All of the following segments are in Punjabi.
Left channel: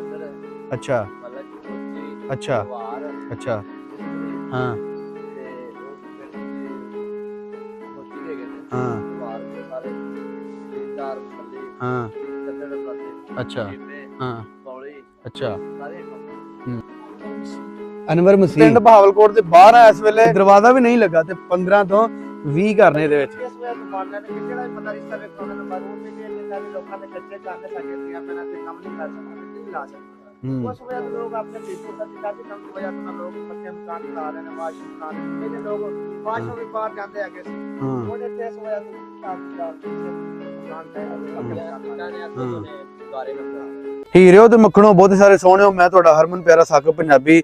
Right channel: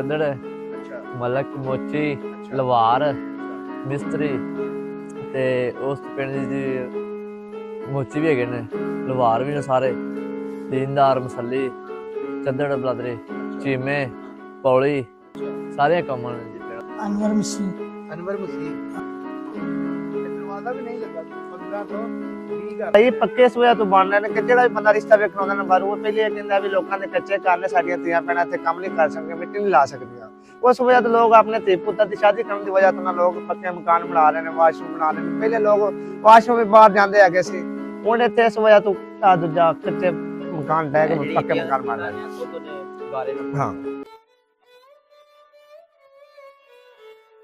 ਚੰਦੜ ਅੱਛਾ। ਮਲਕ ਮੋਚੀ ਅੱਛਾ। ਲਵਾਰ ਅੱਛਾ। ਮਿਸਤਰੀ ਹਾਂ। ਤੇ ਉਸ ਪਿੰਡ ਦੀ ਮੋਚੀ ਵੀ ਹੈਗੇ ਨੇ ਹਾਂ। ਲਵਾਰ ਵੀ ਨੇ ਸਾਰੇ ਦੀਨਦਾਰ ਮਸੱਲੀ ਹਾਂ। ਚੰਦੜ ਬਲਦਰੇ ਅੱਛਾ। ਚੀਮੇ ਹਾਂ। ਪੌਲੀ ਅੱਛਾ। ਸਾਰੇ ਕੰਮ ਨੇ ਅਨਵਰ ਮਸੀਹ। ਅਨਵਰ ਮਸੀਹ। ਪਿੰਡ ਬਹਾਵਲਕੋਟ ਦੇ ਬਾਹਰ ਆ ਇਸ ਵੇਲੇ। ਦਰਵਾਜ਼ਾ ਵੀ ਨਹੀਂ ਲੱਗਾ ਤੇ 15 ਤੋਂ 20 ਘਰ ਇਹਦੇ ਵਿੱਚ। ਪੱਕੇ ਸੋਇਆ ਤੋਂ ਬਣ ਰਹੇ ਨੇ ਕਿ ਜਿਹੜਾ ਵੀ ਬੰਦਾ ਰਿਸ਼ਤਾ ਵੇਖਣ ਆਉਂਦਾ ਨਾ ਬਾਹਰੋਂ ਉਹ ਪਹਿਲੇ ਇਹ ਕਹਿੰਦਾ ਵੀ ਲੋਕਾਂ ਦੇ ਕੱਚੇ ਘਰ ਨੇ ਸਾਡੀਆਂ ਧੀਆਂ ਭੈਣਾਂ ਤੇ ਕੰਮ ਨਹੀਂ ਕਰ ਸਕਦੀਆਂ ਮਿੱਟੀ ਨਹੀਂ ਲਾ ਸਕਦੀਆਂ। ਹੂੰ। ਉਸ ਵਜ੍ਹਾ ਤੋਂ ਲੋਕ ਆਪਣੇ ਧੀ ਪੁੱਤਰ ਦੀ ਸ਼ਾਦੀ ਕਰਨ ਦੀ ਵਜ੍ਹਾ ਤੋਂ ਨਾ ਲੋਕ ਪੱਕੇ ਮਕਾਨ ਬਣਾ ਰਹੇ ਨੇ ਵਾਸ਼ਰੂਮ ਬਣਾ ਰਹੇ ਨੇ। ਪਹਿਲੇ ਲੋਕ ਵਾਸ਼ਰੂਮ ਵੀ ਬਾਹਰ ਜਾਂਦੇ ਹੈਗੇ ਸੀ। ਹਾਂ। ਹੁਣ ਇੱਥੇ ਇਸ ਵਜ੍ਹਾ ਤੋਂ ਆ ਦੂਜਾ ਕੱਚੇ ਮਕਾਨ ਡੈ ਕੇ ਪੱਕੇ ਮਕਾਨ ਬਣ ਰਹੇ ਨੇ। ਹਾਂ। ਹੀਰਿਓ ਤੇ ਮੱਖਣੋ ਬਹੁਤ ਸਾਰੇ ਸੋਹਣਿਓ ਮੈਂ ਤੁਹਾਡਾ ਹਰਮਨ ਪਿਆਰਾ ਸਾਕਬ ਪੰਜਾਬੀ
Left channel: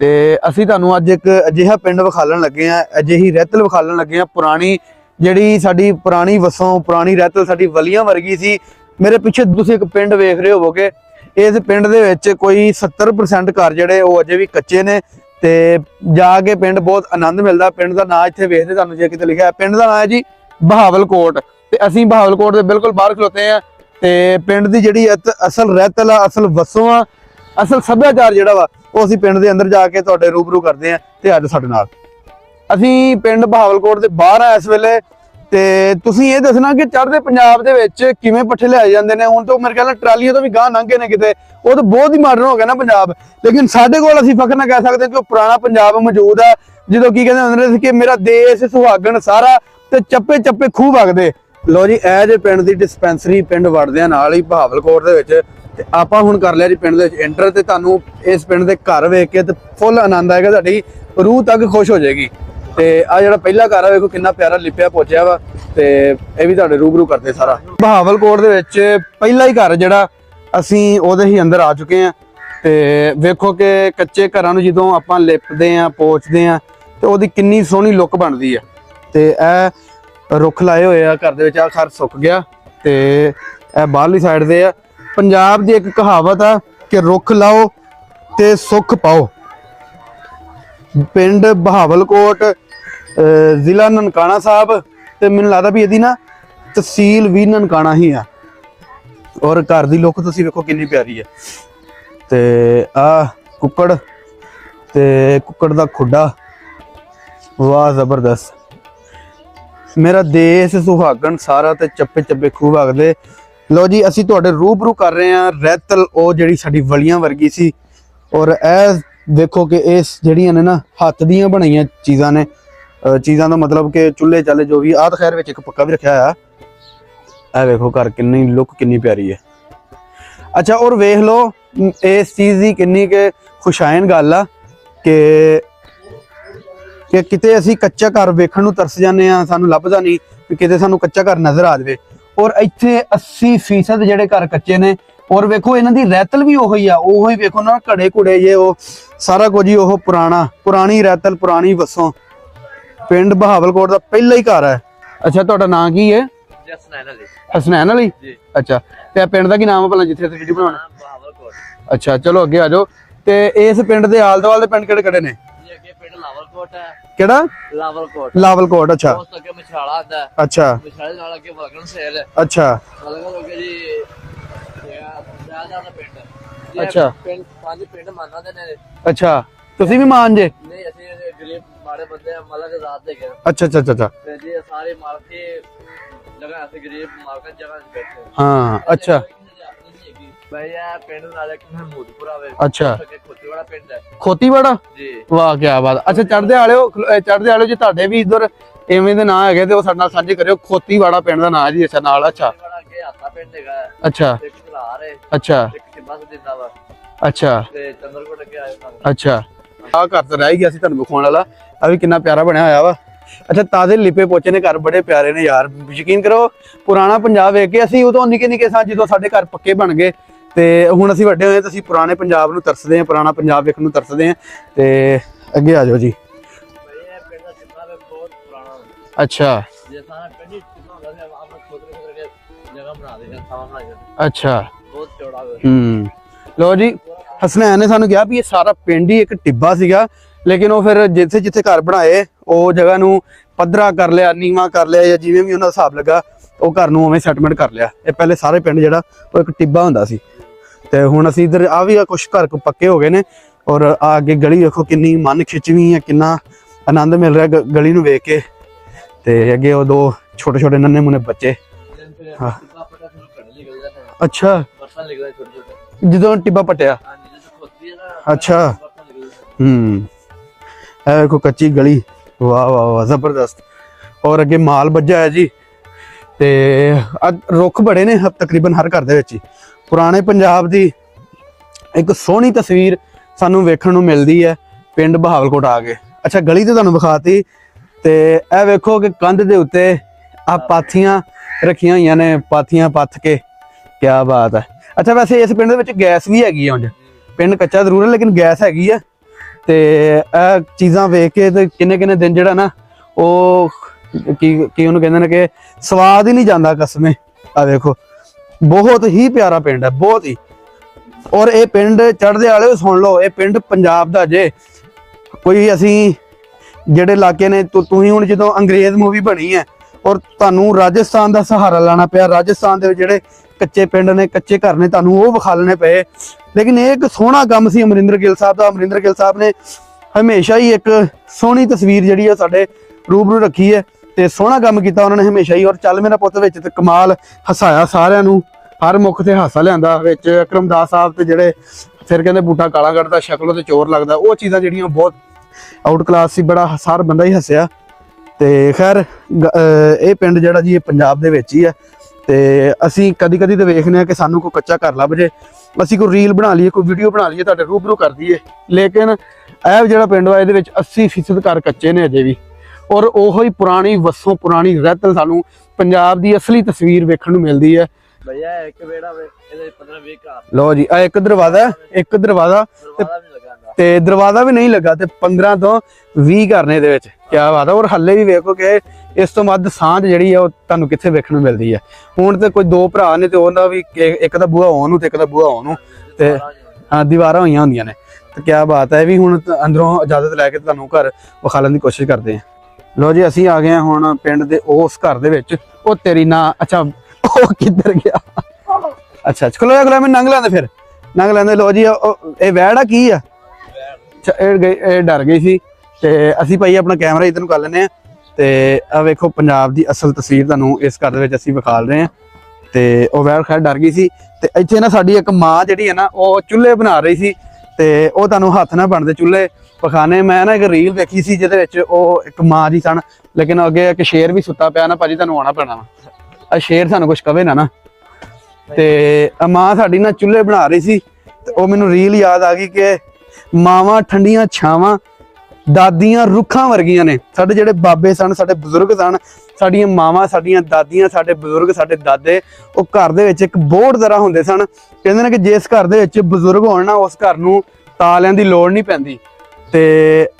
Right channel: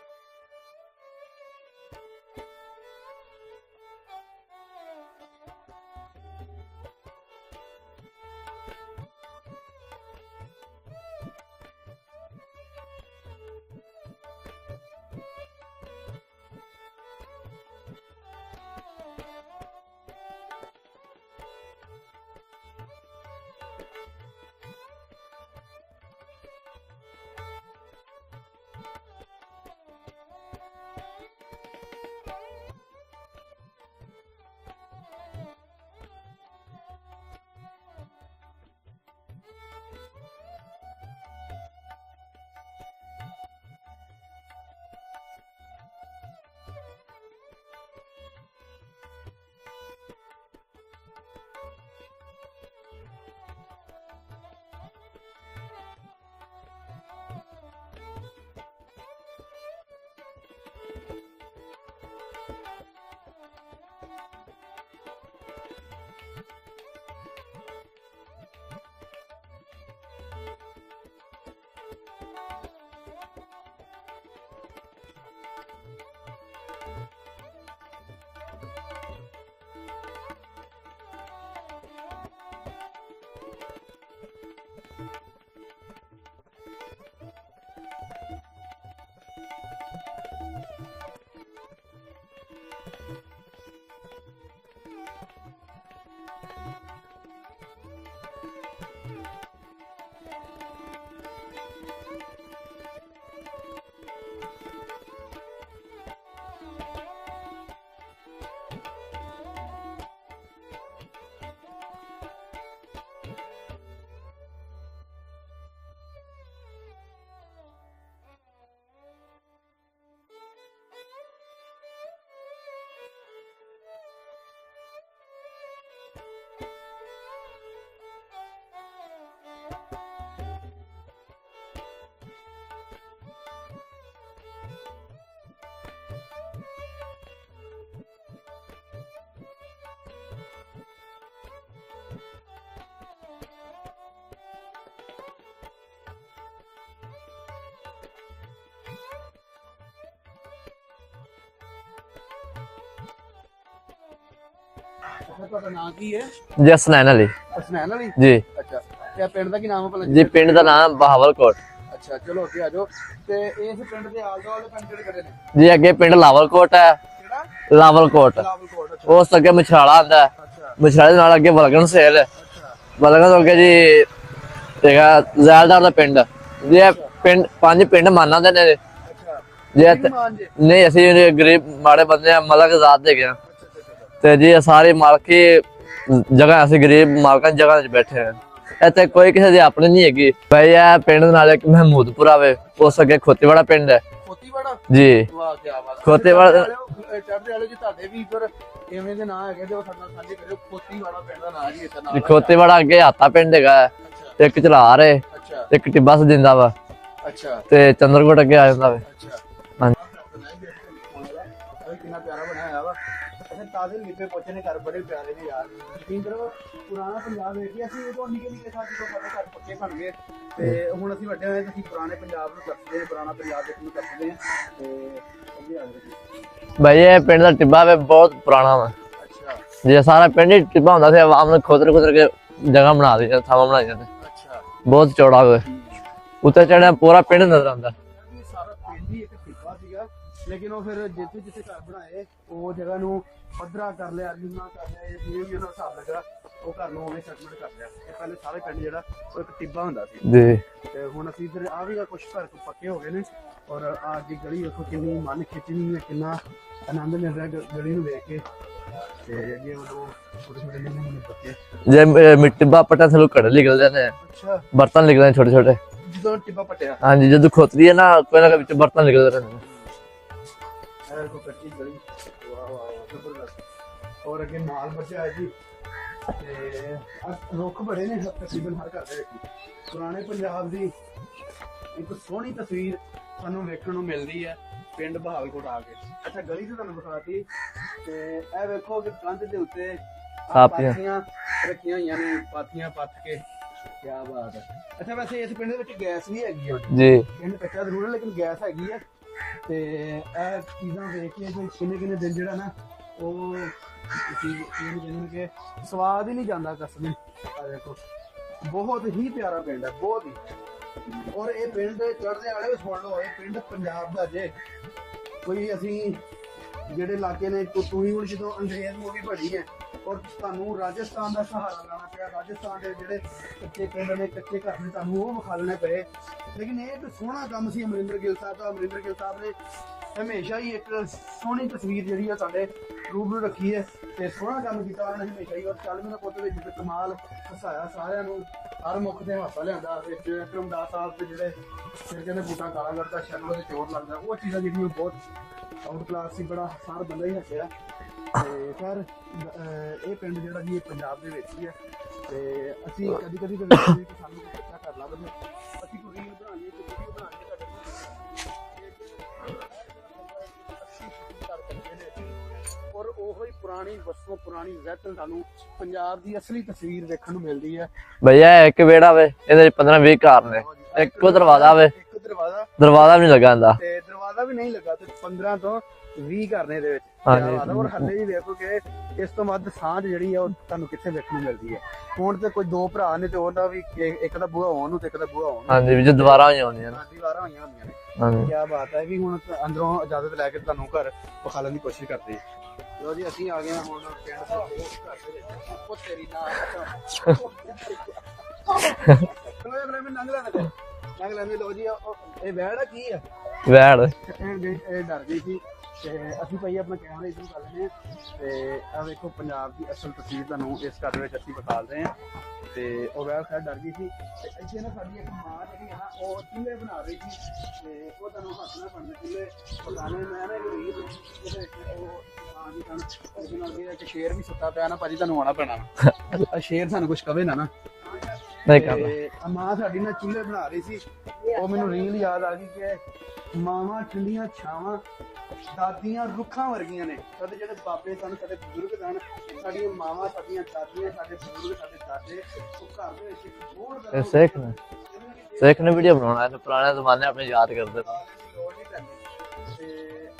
ਤੇ ਅਸੀਂ ਤੁਹਾਨੂੰ ਅੱਜ ਇੱਕ ਅਜਿਹਾ ਪਿੰਡ ਵਿਖਾਲਣ ਲੱਗੇ ਆ ਅਜਿਹੀ ਰਹਿਤਲ ਵਿਖਾਲਣ ਲੱਗੇ ਆ ਪੁਰਾਣੀ ਜਿਹੜੀ ਸਾਡੀ ਪੁਰਾਣੀ ਵਸੋਂ, ਪੁਰਾਣੀ ਰਹਿਤਲ ਸਾਡੀ ਵਲੀਆਂ ਵਰਗੀ ਸੀ। ਮੇਰੇ ਪਿੱਛੇ ਤੁਸੀਂ ਇੱਕ ਪਿੰਡ ਵੇਖ ਰਹੇ ਹੋਵੋਗੇ। ਇਸ ਪਿੰਡ ਦੇ ਵਿੱਚ ਕੋਈ 70% ਘਰ ਜਿਹੜੇ ਉਹ ਅਜੇ ਵੀ ਕੱਚੇ ਨੇ ਤੇ ਜਾ ਕੇ ਪਿੰਡ ਬਹੁਤ ਆਨੰਦ ਮਿਲਦਾ। ਪਿੰਡ ਦਾ ਨਾਂ ਇੱਥੇ ਵੇਖਦੇ ਤੁਹਾਨੂੰ, ਜੇ ਕਿਤੇ ਲਿਖਿਆ ਪਿੰਡ ਦਾ ਨਾਂ ਹੈ ਜੀ ਬਹਾਵਲਕੋਟ। ਤੇ ਅਸੀਂ ਬਹਾਵਲਕੋਟ ਦੇ ਬਿਲਕੁਲ ਬਾਹਰ ਖਲੋਤੇ ਆ ਤੇ ਪਿੰਡ ਦੀ ਜਿਹੜੀ ਅਸਲ ਰਹਿਤਲ ਆ, ਅਸਲ ਵਸੋਂ ਆ ਅਸਲ ਸੱਭਿਆਚਾਰ ਜਿਹੜਾ ਵਾ, ਉਹ ਅਸੀਂ ਪਿੰਡ ਦੇ ਅੰਦਰ ਜਾ ਕੇ ਤੁਹਾਡੇ ਰੂਬਰੂ ਕਰਦੇ ਆ ਤੇ ਅੱਜ ਸਾਡੇ ਨਾਲ। ਅਸੀਂ ਪਿੰਡ ਬਹਾਵਲਕੋਟ ਦੇ ਬਾਹਰ ਆ ਇਸ ਵੇਲੇ ਤੇ ਤੁਸੀਂ ਇਹ ਦੱਸਣਾ ਕਿ ਚੜ੍ਹਦੇ ਪੰਜਾਬ ਦੇ ਵਿੱਚ ਕਿਵੇਂ ਪੱਠੇ ਲਿਆਏ ਜਾਂਦੇ ਨੇ? ਹੁਣ ਤਾਂ ਮੇਰੇ ਖਿਆਲ ਨਾਲ ਟਰਾਲੀਆਂ ਤੋਂ ਵੀ ਗਾਂ ਲੰਘੇ ਨੇ ਕਿਤੇ। ਉਹ ਤਾਂ ਬਹੁਤ ਹੀ ਮਾਡਰਨ ਹੋ ਗਿਆ ਨਾ ਪੰਜਾਬ। ਲੇਕਿਨ ਸਾਡੇ ਕੋਲ ਅਸੀਂ ਫਖਰ ਨਾਲ ਕਹਿ ਸਕਦੇ ਹਾਂ ਕਿ ਉਹ ਪੁਰਾਣਾ ਪੰਜਾਬ ਮੌਜੂਦ ਆ। ਜਦੋਂ ਕੀ ਕਹਿੰਦੇ ਹੁੰਦੇ ਨੇ ਕਿ ਮੇਰਾ ਦੇਸ਼, ਸੁਹਾਗਣ ਸਾਰਾ ਤੇ ਚੱਪੇ ਚੱਪੇ ਖੂਹ ਵਗਦੇ। ਲੋ ਜੀ, ਇਹ ਜੇ ਪਿੰਡ ਦੀ ਡਿਸਪੈਂਸਰੀ ਪਿੰਡ ਵੜਦਿਆਂ ਨਾਲ ਹੀ ਬਹਾਵਲਕੋਟ ਦੇ ਵਿੱਚ ਤੇ ਆਪਾਂ ਹੁਣ ਕਰ ਲਿਆ ਜੀ ਪਿੰਡ ਦੇ ਵਿੱਚ ਐਂਟਰ ਤੇ ਤੁਹਾਨੂੰ ਇਸ ਪਿੰਡ ਦੇ ਘਰ ਵੇਖ ਕੇ ਤੇ ਫੁੱਲ ਆਨੰਦ ਆਏਗਾ, ਤੁਹਾਡੀ ਰੂਹ ਤੱਕ ਖੁਸ਼ ਹੋ ਜਾਏਗੀ। ਤੇ ਆ ਜਿਹੜਾ ਪਹਿਲਾ ਘਰ ਆ, ਵੇਖੋ ਕਿੰਨਾ ਪਿਆਰਾ ਲਿਪਿਆ ਪੋਚਿਆ ਵਾ ਤੇ ਇਹ ਵੀ ਤੁਹਾਡੇ ਰੂਬਰੂ ਕਰਦੇ ਸਾਰਾ। ਬਹਾਵਲਕੋਟ ਦੇ ਵਿੱਚ ਪਹਿਲਾ ਹੀ ਘਰ ਜਿਹੜਾ ਅਸੀਂ ਉਹਦੇ ਹੀ ਅੰਦਰ ਆ ਚੁੱਕੇ ਆ ਤੇ ਵੇਖੋ ਕਿ ਕੱਚੇ ਘਰਾਂ ਨੂੰ ਜਦੋਂ ਆਪਾਂ ਲਿਪਦੇ ਆ ਪੋਚਦੇ ਆ ਤੇ ਉਹਦੀ ਕਿੰਨੀ ਸੋਹਣੀ ਲੁੱਕ ਬਣਦੀ ਆ। ਤੇ ਇਹ ਰੁੱਖ ਲਾਏ ਹੋਏ ਆ ਘਰ ਦੇ ਵਿੱਚ ਆ ਘਰ ਸੁੱਕ ਗਿਆ ਤੇ ਇਹ ਬਾਹਰਲੀ ਸਾਈਡ ਦੇ ਆ। ਪੰਜਾਬ ਦੀ ਇੱਕ ਕਹਾਵਤ ਆ ਕਿ ਰੁੱਖ ਲਾਓ ਤੇ ਸੁੱਖ ਪਾਓ। ਪਿੰਡ ਬਹਾਵਲਕੋਟ, ਅਹ, ਜ਼ਿਲ੍ਹਾ ਨਨਕਾਣਾ ਸਾਹਿਬ ਤੇ ਮੈਨੂੰ ਲੱਗਦਾ ਵੀ ਇਹਦੀ ਨਾ ਤਹਿਸੀਲ ਵੀ ਨਨਕਾਣਾ ਹੀ ਆ। ਔਰ ਘਰ ਦੀ ਲੁੱਕ ਤੁਸੀਂ ਵੇਖੋ ਕਿੰਨੀ ਪਿਆਰੀ ਹੈ ਤੇ ਆ ਕੁੱਕੜ ਤੇ ਕੁੱਕੜ ਦਾ ਖੁੱਡਾ, ਵਾਹ ਜ਼ਬਰਦਸਤ। ਮੇਰਾ ਦੇਸ਼ ਸੁਹਾਗਣ ਸਾਰਾ ਤੇ ਚੱਪੇ ਚੱਪੇ ਖੂਬ ਵਗਦੇ। ਲੋ ਜੀ, ਅਸੀਂ ਤੁਹਾਡੇ ਰੂਬਰੂ ਕਰ ਰਹੇ ਹਾਂ ਰਹਿਤਲ ਉਹ ਜਿਹੜੀ ਸਾਡੀ ਵਲੀਆਂ ਵਰਗੀ ਸੀ। ਔਰ ਇਹ ਦੇਖੋ ਕਿ ਇਸ ਜਿਹੜੀਆਂ ਨੇ ਨਾ, ਹੱਥ ਦੀਆਂ ਬਣਾਈਆਂ ਚੀਜ਼ਾਂ ਨੇ। ਚੀਜ਼ਾਂ ਦਾ ਮਤਲਬ ਕਿ ਚੁੱਲ੍ਹੇ ਚਾਲੇ ਜੋ ਵੀ, ਆਹ ਤਾਂ ਖੈਰ ਵਿੱਚ ਇੱਕ ਪੱਕਾ ਵੀ ਰੱਖਿਆ ਆ ਇਹ ਵੇਖੋ ਘਰ ਕਿੰਨੀ ਲੁੱਕ ਕਿੰਨੀ ਪਿਆਰੀ ਹੈ। ਅੱਛਾ, ਔਰ ਵੇਖ ਲਓ ਇਸ ਚੀਜ਼ ਦੀ ਕਿੰਨੀ ਕਿ ਖੁਸ਼ਾਇਨ ਗੱਲ ਆ ਕਿ ਕਿ ਕਿਤੇ ਅਸੀਂ ਕੱਚਾ ਘਰ ਵੇਖਣ ਨੂੰ ਤਰਸ ਜਾਂਦੇ ਆ ਸਾਨੂੰ ਲੱਭਦਾ ਨਹੀਂ ਕਿ ਕਿਤੇ ਸਾਨੂੰ ਕੱਚਾ ਘਰ ਨਜ਼ਰ ਆ ਜਾਵੇ। ਔਰ ਇੱਥੇ 80% ਜਿਹੜੇ ਘਰ ਕੱਚੇ ਨੇ ਔਰ ਵੇਖੋ ਇਹਨਾਂ ਦੀ ਰਹਿਤਲ ਵੀ ਉਹੀ ਆ ਉਹੀ ਵੇਖੋ ਨਾ ਘੜੇ ਘੁੜੇ ਜੇ ਉਹ ਸਾਰਾ ਕੁਝ ਹੀ ਉਹ ਪੁਰਾਣਾ ਪੁਰਾਣੀ ਰਹਿਤਲ ਪੁਰਾਣੀ ਵਸੋਂ ਪਿੰਡ ਬਹਾਵਲਕੋਟ ਦਾ ਪਹਿਲਾ ਹੀ ਘਰ ਹੈ। ਅੱਛਾ ਤੁਹਾਡਾ ਨਾਂ ਕੀ ਹੈ? ਜਸ ਨੈਣ ਵਾਲੀ। ਹਸਨੈਨ ਅਲੀ ਜੀ। ਅੱਛਾ ਤੇ ਪਿੰਡ ਦਾ ਕੀ ਨਾਮ ਹੈ ਭਲਾ ਜੀ ਪਿੰਡ ਦਾ ਨਾਮ ਬਹਾਵਲਕੋਟ। ਅੱਛਾ ਚਲੋ ਅੱਗੇ ਆ ਜਾਓ। ਤੇ ਇਸ ਪਿੰਡ ਦੇ ਆਲੇ ਦੁਆਲੇ ਦੇ ਪਿੰਡ ਕਿਹੜੇ ਕਿਹੜੇ ਨੇ? ਜੀ ਅੱਗੇ ਪਿੰਡ ਲਾਵਲਕੋਟ ਹੈ। ਕਿਹੜਾ? ਲਾਵਲਕੋਟ। ਲਾਵਲਕੋਟ ਅੱਛਾ। ਉਸ ਤੋਂ ਅੱਗੇ ਮਛਰਾਲਾ ਆਂਦਾ ਹੈ। ਅੱਛਾ। ਮਛਰਾਲੇ ਦੇ ਨਾਲ ਅੱਗੇ ਬਲਗਨ ਸੇਲ ਹੈ। ਅੱਛਾ। ਬਲਗਨ ਤੋਂ ਅੱਗੇ ਜੀ ਹੈਗਾ ਜ਼ੈਲਦਾਰ ਦਾ ਪਿੰਡ। ਜੀ ਇਹ ਅੱਛਾ। ਪਿੰਡ ਪੰਜ ਪਿੰਡ ਮਾਨਾਂ ਦੇ ਨੇ। ਅੱਛਾ। ਤੁਸੀਂ ਵੀ ਮਾਨ ਜੇ? ਨਹੀਂ ਅਸੀਂ ਜਿਹੜੇ ਗਰੀਬ ਮਾੜੇ ਬੰਦੇ ਆ ਮਲਕ ਆਜ਼ਾਦ ਦੇ ਗਿਆ ਅੱਛਾ ਅੱਛਾ ਅੱਛਾ, ਅੱਛਾ। ਤੇ ਜੀ ਇਹ ਸਾਰੇ ਮਾਲਕੀ ਜਗ੍ਹਾ ਅਸੀਂ ਗਰੀਬ ਮਾਲਕਾਂ ਦੀ ਜਗ੍ਹਾ 'ਚ ਬੈਠੇ ਆ ਹਾਂ। ਇੱਥੇ ਅੱਛਾ। ਕੋਈ ਕਿਸੇ ਦੀ ਆਪਣੀ ਨਹੀਂ ਹੈਗੀ। ਬਈ ਇਹ ਪਿੰਡ ਦੇ ਨਾਲ ਇੱਕ ਮਹਿਮੂਦਪੁਰਾ ਵੇ ਅੱਛਾ। ਉਸ ਅੱਗੇ ਖੋਤੀਵਾੜਾ ਪਿੰਡ ਹੈ। ਖੋਤੀਵਾੜਾ? ਜੀ। ਵਾਹ ਕੀ ਬਾਤ। ਅੱਛਾ ਖੋਤੀਵਾੜਾ- ਚੜਦੇ ਵਾਲਿਓ ਅਹ ਚੜਦੇ ਵਾਲਿਓ ਜੀ ਤੁਹਾਡੇ ਵੀ ਇਧਰ ਐਵੇਂ ਦੇ ਨਾਂ ਹੈਗੇ ਤੇ ਉਹ ਸਾਡੇ ਨਾਲ ਸਾਂਝੇ ਕਰਿਓ। ਖੋਤੀਵਾੜਾ ਪਿੰਡ ਦਾ ਨਾਂ ਜੀ ਅੱਛਾ ਨਾਲ ਅੱਛਾ। ਖੋਤੀਵਾੜਾ ਅੱਗੇ ਹਾਤਾ ਪਿੰਡ ਹੈਗਾ। ਹੈ, ਅੱਛਾ ਇੱਕ ਚਲਾਰ ਹੈ ਅੱਛਾ। ਇੱਕ ਟਿੱਬਾ ਸਜਿੰਦਾ ਵਾ। ਅੱਛਾ। ਤੇ ਚੰਦਰਕੋਟ ਅੱਗੇ ਆ ਜਾਂਦਾ ਵੇ। ਅੱਛਾ। ਹਾਂਜੀ। ਆ ਘਰ ਤਾਂ ਰਹਿ ਹੀ ਗਿਆ ਸੀ ਤੁਹਾਨੂੰ ਵਿਖਾਉਣ ਵਾਲਾ। ਆ ਵੀ ਕਿੰਨਾ ਪਿਆਰਾ ਬਣਿਆ ਹੋਇਆ ਵਾ। ਅੱਛਾ ਤਾਜ਼ੇ ਲਿਪੇ ਪੋਚੇ ਨੇ ਘਰ ਬੜੇ ਪਿਆਰੇ ਨੇ ਯਾਰ। ਯਕੀਨ ਕਰੋ ਪੁਰਾਣਾ ਪੰਜਾਬ ਵੇਖ ਕੇ ਅਸੀਂ ਉਦੋਂ ਨਿੱਕੇ ਨਿੱਕੇ ਸਾਂ ਜਦੋਂ ਸਾਡੇ ਘਰ ਪੱਕੇ ਬਣ ਗਏ। ਤੇ ਹੁਣ ਅਸੀਂ ਵੱਡੇ ਹੋਏ ਤਾਂ ਅਸੀਂ ਪੁਰਾਣੇ ਪੰਜਾਬ ਨੂੰ ਤਰਸਦੇ ਹਾਂ ਪੁਰਾਣਾ ਪੰਜਾਬ ਵੇਖਣ ਨੂੰ ਤਰਸਦੇ ਹਾਂ। ਤੇ ਅੱਗੇ ਆ ਜਾਓ ਜੀ। ਬਈ ਇਹ ਪਿੰਡ ਦਾ ਟਿੱਬਾ ਵੇ ਬਹੁਤ ਪੁਰਾਣਾ ਵਾ। ਅੱਛਾ। ਜੇ ਸਾਰਾ ਪਿੰਡ ਹੀ ਟਿੱਬਾ ਹੁੰਦਾ ਸੀ ਆਵਾਮ ਨੇ ਖੋਦਰ ਖੋਦਰ ਕੇ ਜਗ੍ਹਾ ਬਣਾ ਦਿੱਤੀ ਥਾਵਾਂ ਬਣਾ ਦਿੱਤੀਆਂ ਅੱਛਾ। ਬਹੁਤ ਚੌੜਾ ਵੇ। ਹੂੰ। ਉੱਤੇ ਜਿਹੜਾ ਪੂਰਾ ਪਿੰਡ ਹਸਨੈਨ ਨੇ ਸਾਨੂੰ ਕਿਹਾ ਵੀ ਇਹ ਸਾਰਾ ਪਿੰਡ ਹੀ ਇੱਕ ਟਿੱਬਾ ਸੀਗਾ। ਲੇਕਿਨ ਉਹ ਫਿਰ ਜਿੱਥੇ ਜਿੱਥੇ ਘਰ ਬਣਾਏ ਉਹ ਜਗ੍ਹਾ ਨੂੰ ਪੱਧਰਾ ਕਰ ਲਿਆ ਨੀਵਾ ਕਰ ਲਿਆ ਜਾਂ ਜਿਵੇਂ ਵੀ ਉਹਨਾਂ ਦਾ ਹਿਸਾਬ ਲੱਗਾ ਉਹ ਘਰ ਨੂੰ ਉਵੇਂ ਸੈਟਲਮੈਂਟ ਕਰ ਲਿਆ। ਇਹ ਪਹਿਲੇ ਸਾਰੇ ਪਿੰਡ ਜਿਹੜਾ ਉਹ ਇੱਕ ਟਿੱਬਾ ਹੁੰਦਾ ਸੀ। ਜੀ। ਤੇ ਹੁਣ ਅਸੀਂ ਇਧਰ ਆ ਵੀ ਕੁਝ ਘਰ ਕੁ ਪੱਕੇ ਹੋ ਗਏ ਨੇ ਔਰ ਆ ਅੱਗੇ ਗਲੀ ਵੇਖੋ ਕਿੰਨੀ ਮਨ ਖਿੱਚਵੀਂ ਹੈ ਕਿੰਨਾ ਆਨੰਦ ਮਿਲ ਰਿਹਾ ਗਲੀ ਨੂੰ ਵੇਖ ਕੇ। ਤੇ ਅੱਗੇ ਉਹ ਦੋ ਛੋਟੇ ਛੋਟੇ ਨੰਨੇ ਮੁੰਨੇ ਬੱਚੇ। ਜੇ ਅਹ, ਮਿੱਟੀ ਬਾਪਟਾ ਥਲੋ ਕੜ ਨਿਕਲ ਜਾਂਦੇ ਅੱਛਾ। ਬਰਤਨ ਨਿਕਲਦੇ ਛੋਟੇ ਛੋਟੇ। ਜਦੋਂ ਟਿੱਬਾ ਪਟਿਆ। ਹਾਂਜੀ ਜਦੋਂ ਖੋਤਰੀ ਹੈ ਨਾ ਬਰਤਨ ਨਿਕਲਦੇ ਹੂੰ। ਇਹ ਵੇਖੋ ਕੱਚੀ ਗਲੀ। ਵਾਹ ਵਾਹ ਵਾਹ ਜ਼ਬਰਦਸਤ। ਔਰ ਅੱਗੇ ਮਾਲ ਵੱਜਾ ਹੈ ਜੀ। ਤੇ ਰੁੱਖ ਬੜੇ ਨੇ ਹ- ਤਕਰੀਬਨ ਹਰ ਘਰ ਦੇ ਵਿੱਚ ਹੀ। ਪੁਰਾਣੇ ਪੰਜਾਬ ਦੀ ਇੱਕ ਸੋਹਣੀ ਤਸਵੀਰ ਸਾਨੂੰ ਵੇਖਣ ਨੂੰ ਮਿਲਦੀ ਹੈ ਪਿੰਡ ਬਹਾਵਲਕੋਟ ਆ ਕੇ। ਅੱਛਾ ਗਲੀ ਤੇ ਤੁਹਾਨੂੰ ਵਿਖਾਤੀ। ਤੇ ਇਹ ਵੇਖੋ ਕਿ ਕੰਧ ਦੇ ਉੱਤੇ ਆ ਪਾਥੀਆਂ। ਪਾਥੀਆਂ ਰੱਖੀਆਂ ਹੋਈਆਂ ਨੇ ਪਾਥੀਆਂ ਪੱਥ ਕੇ। ਕੀ ਬਾਤ ਹੈ। ਅੱਛਾ ਵੈਸੇ ਇਸ ਪਿੰਡ ਦੇ ਵਿੱਚ ਗੈਸ ਵੀ ਹੈਗੀ ਆ ਉਂਝ। ਜੀ। ਪਿੰਡ ਕੱਚਾ ਜ਼ਰੂਰ ਹੈ ਲੇਕਿਨ ਗੈਸ ਹੈਗੀ ਆ। ਤੇ ਇਹ ਚੀਜ਼ਾਂ ਵੇਖ ਕੇ ਤੇ ਕਿੰਨੇ ਕਿੰਨੇ ਦਿਨ ਜਿਹੜਾ ਨਾ ਉਹ ਕੀ ਕੀ ਉਹਨੂੰ ਕਹਿੰਦੇ ਨੇ ਕਿ ਸਵਾਦ ਹੀ ਨਹੀਂ ਜਾਂਦਾ ਕਸਮੇ। ਆ ਦੇਖੋ, ਬਹੁਤ ਹੀ ਪਿਆਰਾ ਪਿੰਡ ਹੈ, ਬਹੁਤ ਹੀ। ਔਰ ਇਹ ਪਿੰਡ ਚੜਦੇ ਵਾਲੇ ਸੁਣ ਲਓ, ਇਹ ਪਿੰਡ ਪੰਜਾਬ ਦਾ ਜੇ। ਕੋਈ ਅਸੀਂ ਜਿਹੜੇ ਇਲਾਕੇ ਨੇ, ਤੁ- ਤੁਸੀਂ ਹੁਣ ਜਦੋਂ ਅੰਗਰੇਜ਼ ਮੂਵੀ ਬਣੀ ਹੈ, ਔਰ ਤੁਹਾਨੂੰ ਰਾਜਸਥਾਨ ਦਾ ਸਹਾਰਾ ਲੈਣਾ ਪਿਆ, ਰਾਜਸਥਾਨ ਦੇ ਵਿੱਚ ਜਿਹੜੇ ਕੱਚੇ ਪਿੰਡ ਨੇ, ਕੱਚੇ ਘਰ ਨੇ, ਤੁਹਾਨੂੰ ਉਹ ਵਿਖਾਲਣੇ ਪਏ। ਲੇਕਿਨ ਇਹ ਇੱਕ ਸੋਹਣਾ ਕੰਮ ਸੀ ਅਮਰਿੰਦਰ ਗਿੱਲ ਸਾਹਿਬ ਦਾ। ਅਮਰਿੰਦਰ ਗਿੱਲ ਸਾਹਿਬ ਨੇ ਹਮੇਸ਼ਾ ਹੀ ਇੱਕ ਸੋਹਣੀ ਤਸਵੀਰ ਜਿਹੜੀ ਆ ਸਾਡੇ ਰੂਬਰੂ ਰੱਖੀ ਹੈ ਤੇ ਸੋਹਣਾ ਕੰਮ ਕੀਤਾ ਉਹਨਾਂ ਨੇ ਹਮੇਸ਼ਾ ਹੀ। ਔਰ ਚੱਲ ਮੇਰਾ ਪੁੱਤ ਵਿੱਚ ਤੇ ਕਮਾਲ ਹਸਾਇਆ ਸਾਰਿਆਂ ਨੂੰ। ਹਰ ਮੁੱਖ ਤੇ ਹਾਸਾ ਲਿਆਂਦਾ, ਵਿੱਚ ਅਕਰਮਦਾਸ ਸਾਹਿਬ ਤੇ ਜਿਹੜੇ ਫਿਰ ਕਹਿੰਦੇ ਬੂਟਾ ਕਾਲਾ ਕੱਢਦਾ, ਸ਼ਕਲੋਂ ਤੇ ਚੋਰ ਲੱਗਦਾ, ਉਹ ਚੀਜ਼ਾਂ ਜਿਹੜੀਆਂ ਬਹੁਤ ਆਊਟ ਕਲਾਸ ਸੀ, ਬੜਾ ਹਸਾਰ ਬੰਦਾ ਹੀ ਹੱਸਿਆ। ਤੇ ਖੈਰ ਇਹ ਪਿੰਡ ਜਿਹੜਾ ਜੀ, ਇਹ ਪੰਜਾਬ ਦੇ ਵਿੱਚ ਹੀ ਹੈ। ਤੇ ਅਸੀਂ ਕਦੀ ਕਦੀ ਤਾਂ ਵੇਖਦੇ ਹਾਂ ਕਿ ਸਾਨੂੰ ਕੋਈ ਕੱਚਾ ਘਰ ਲੱਭ ਜੇ। ਅਸੀਂ ਕੋਈ ਰੀਲ ਬਣਾ ਲਈਏ ਕੋਈ ਵੀਡੀਓ ਬਣਾ ਲਈਏ ਤੁਹਾਡੇ ਰੂਬਰੂ ਕਰ ਦਈਏ। ਲੇਕਿਨ ਇਹ ਜਿਹੜਾ ਪਿੰਡ ਵਾ ਇਹਦੇ ਵਿੱਚ 80% ਘਰ ਕੱਚੇ ਨੇ ਅਜੇ ਵੀ। ਔਰ ਉਹੋ ਹੀ ਪੁਰਾਣੀ ਵਸੋਂ ਪੁਰਾਣੀ ਰਹਿਤਲ ਸਾਨੂੰ ਪੰਜਾਬ ਦੀ ਅਸਲੀ ਤਸਵੀਰ ਵੇਖਣ ਨੂੰ ਮਿਲਦੀ ਹੈ। ਭਈਆ ਇੱਕ ਵੇੜਾ ਵੇ ਇਹਦੇ 15 20 ਘਰ ਨੇ। ਲਓ ਜੀ ਆ ਇੱਕ ਦਰਵਾਜ਼ਾ। ਇੱਕ ਦਰਵਾਜ਼ਾ। ਦਰਵਾਜ਼ਾ ਵੀ ਨਹੀਂ ਲੱਗਾ ਹੁੰਦਾ ਤੇ ਦਰਵਾਜ਼ਾ ਵੀ ਨਹੀਂ ਲੱਗਾ ਤੇ 15 ਤੋਂ 20 ਘਰ ਨੇ ਇਹਦੇ ਵਿੱਚ। ਕੀ। ਬਾਤ ਹੈ ਔਰ ਹੱਲੇ ਵੀ ਵੇਖੋ ਕਿ ਇਸ ਤੋਂ ਵੱਧ ਸਾਂਝ ਜਿਹੜੀ ਹੈ ਉਹ ਤੁਹਾਨੂੰ ਕਿੱਥੇ ਵੇਖਣ ਨੂੰ ਮਿਲਦੀ ਹੈ ਹੁਣ ਤੇ ਕੋਈ ਦੋ ਭਰਾ ਨੇ ਤੇ ਉਹਨਾਂ ਵੀ ਇੱਕ ਦਾ ਬੂਹਾ ਆਉਣ ਨੂੰ ਤੇ ਇੱਕ ਦਾ ਬੂਹਾ ਆਉਣ ਨੂੰ। ਹਾਂਜੀ ਵੀ ਜੇ ਦੁਬਾਰਾ ਹੋਈ ਆਉਂਦੀਆਂ ਹਾਂ ਦੀਵਾਰਾਂ ਹੋਈਆਂ ਹੁੰਦੀਆਂ ਨੇ। ਕੀ ਬਾਤ ਹੈ ਵੀ ਹੁਣ ਅੰਦਰੋਂ ਇਜਾਜ਼ਤ ਲੈ ਕੇ ਤੁਹਾਨੂੰ ਘਰ ਵਿਖਾਲਣ ਦੀ ਕੋਸ਼ਿਸ਼ ਕਰਦੇ ਹਾਂ ਲੋ ਜੀ ਅਸੀਂ ਆ ਗਏ ਹਾਂ ਹੁਣ ਪਿੰਡ ਦੇ ਉਸ ਘਰ ਦੇ ਵਿੱਚ। ਉਹ ਤੇਰੀ ਨਾ ਅੱਛਾ ਉਹ ਕਿੱਧਰ ਗਿਆ? ਅੱਛਾ ਚਲੋ ਇਹ ਅਗਲਾ ਮੈਂ ਨੰਗ ਲੈਂਦੇ ਫਿਰ। ਨੰਗ ਲੈਂਦੇ ਲੋ ਜੀ ਇਹ ਵੈੜ ਆ ਕੀ ਆ? ਵੈੜ। ਅੱਛਾ, ਇਹ ਗਈ ਇਹ ਡਰ ਗਈ ਸੀ। ਤੇ ਅਸੀਂ ਭਾਈ ਆਪਣਾ ਕੈਮਰਾ ਇਧਰ ਨੂੰ ਕਰ ਲੈਨੇ ਆ ਤੇ ਆ ਵੇਖੋ ਪੰਜਾਬ ਦੀ ਅਸਲ ਤਸਵੀਰ ਤੁਹਾਨੂੰ ਇਸ ਘਰ ਦੇ ਵਿੱਚ ਅਸੀਂ ਵਿਖਾਲ ਰਹੇ ਆ ਤੇ ਉਹ ਵੈਰ ਖੈਰ ਡਰ ਗਈ ਸੀ। ਤੇ ਇੱਥੇ ਨਾ ਸਾਡੀ ਇੱਕ ਮਾਂ ਜਿਹੜੀ ਹੈ ਨਾ ਉਹ ਚੁੱਲ੍ਹੇ ਬਣਾ ਰਹੀ ਸੀ। ਤੇ ਉਹ ਤੁਹਾਨੂੰ ਹੱਥ ਨਾਲ ਬਣਦੇ ਚੁੱਲ੍ਹੇ ਪਖਾਨੇ। ਮੈਂ ਨਾ ਇੱਕ ਰੀਲ ਦੇਖੀ ਸੀ ਜਿਹਦੇ ਵਿੱਚ ਉਹ ਇੱਕ ਮਾਂ ਜੀ ਸਨ। ਲੇਕਿਨ ਅੱਗੇ ਇੱਕ ਸ਼ੇਰ ਵੀ ਸੁੱਤਾ ਪਿਆ ਨਾ ਭਾਜੀ ਤੁਹਾਨੂੰ ਆਉਣਾ ਪੈਣਾ ਆ ਸ਼ੇਰ ਸਾਨੂੰ ਕੁਝ ਕਵੇ ਨਾ ਨਾ। ਤੇ ਆ ਮਾਂ ਸਾਡੀ ਨਾ ਚੁੱਲ੍ਹੇ ਬਣਾ ਰਹੀ ਸੀ। ਉਹ ਮੈਨੂੰ ਰੀਲ ਯਾਦ ਆ ਗਈ ਕਿ ਮਾਵਾਂ ਠੰਡੀਆਂ ਛਾਵਾਂ ਦਾਦੀਆਂ ਰੁੱਖਾਂ ਵਰਗੀਆਂ ਨੇ। ਸਾਡੇ ਜਿਹੜੇ ਬਾਬੇ ਸਨ ਸਾਡੇ ਬਜ਼ੁਰਗ ਸਨ ਸਾਡੀਆਂ ਮਾਵਾਂ ਸਾਡੀਆਂ ਦਾਦੀਆਂ ਸਾਡੇ ਬਜ਼ੁਰਗ ਸਾਡੇ ਦਾਦੇ ਉਹ ਘਰ ਦੇ ਵਿੱਚ ਇੱਕ ਬੋਰਡ ਤਰ੍ਹਾਂ ਹੁੰਦੇ ਸਨ। ਕਹਿੰਦੇ ਨੇ ਕਿ ਜਿਸ ਘਰ ਦੇ ਵਿੱਚ ਬਜ਼ੁਰਗ ਹੋਣ ਨਾ ਉਸ ਘਰ ਨੂੰ ਤਾਲਿਆਂ ਦੀ ਲੋੜ ਨਹੀਂ ਪੈਂਦੀ। ਤੇ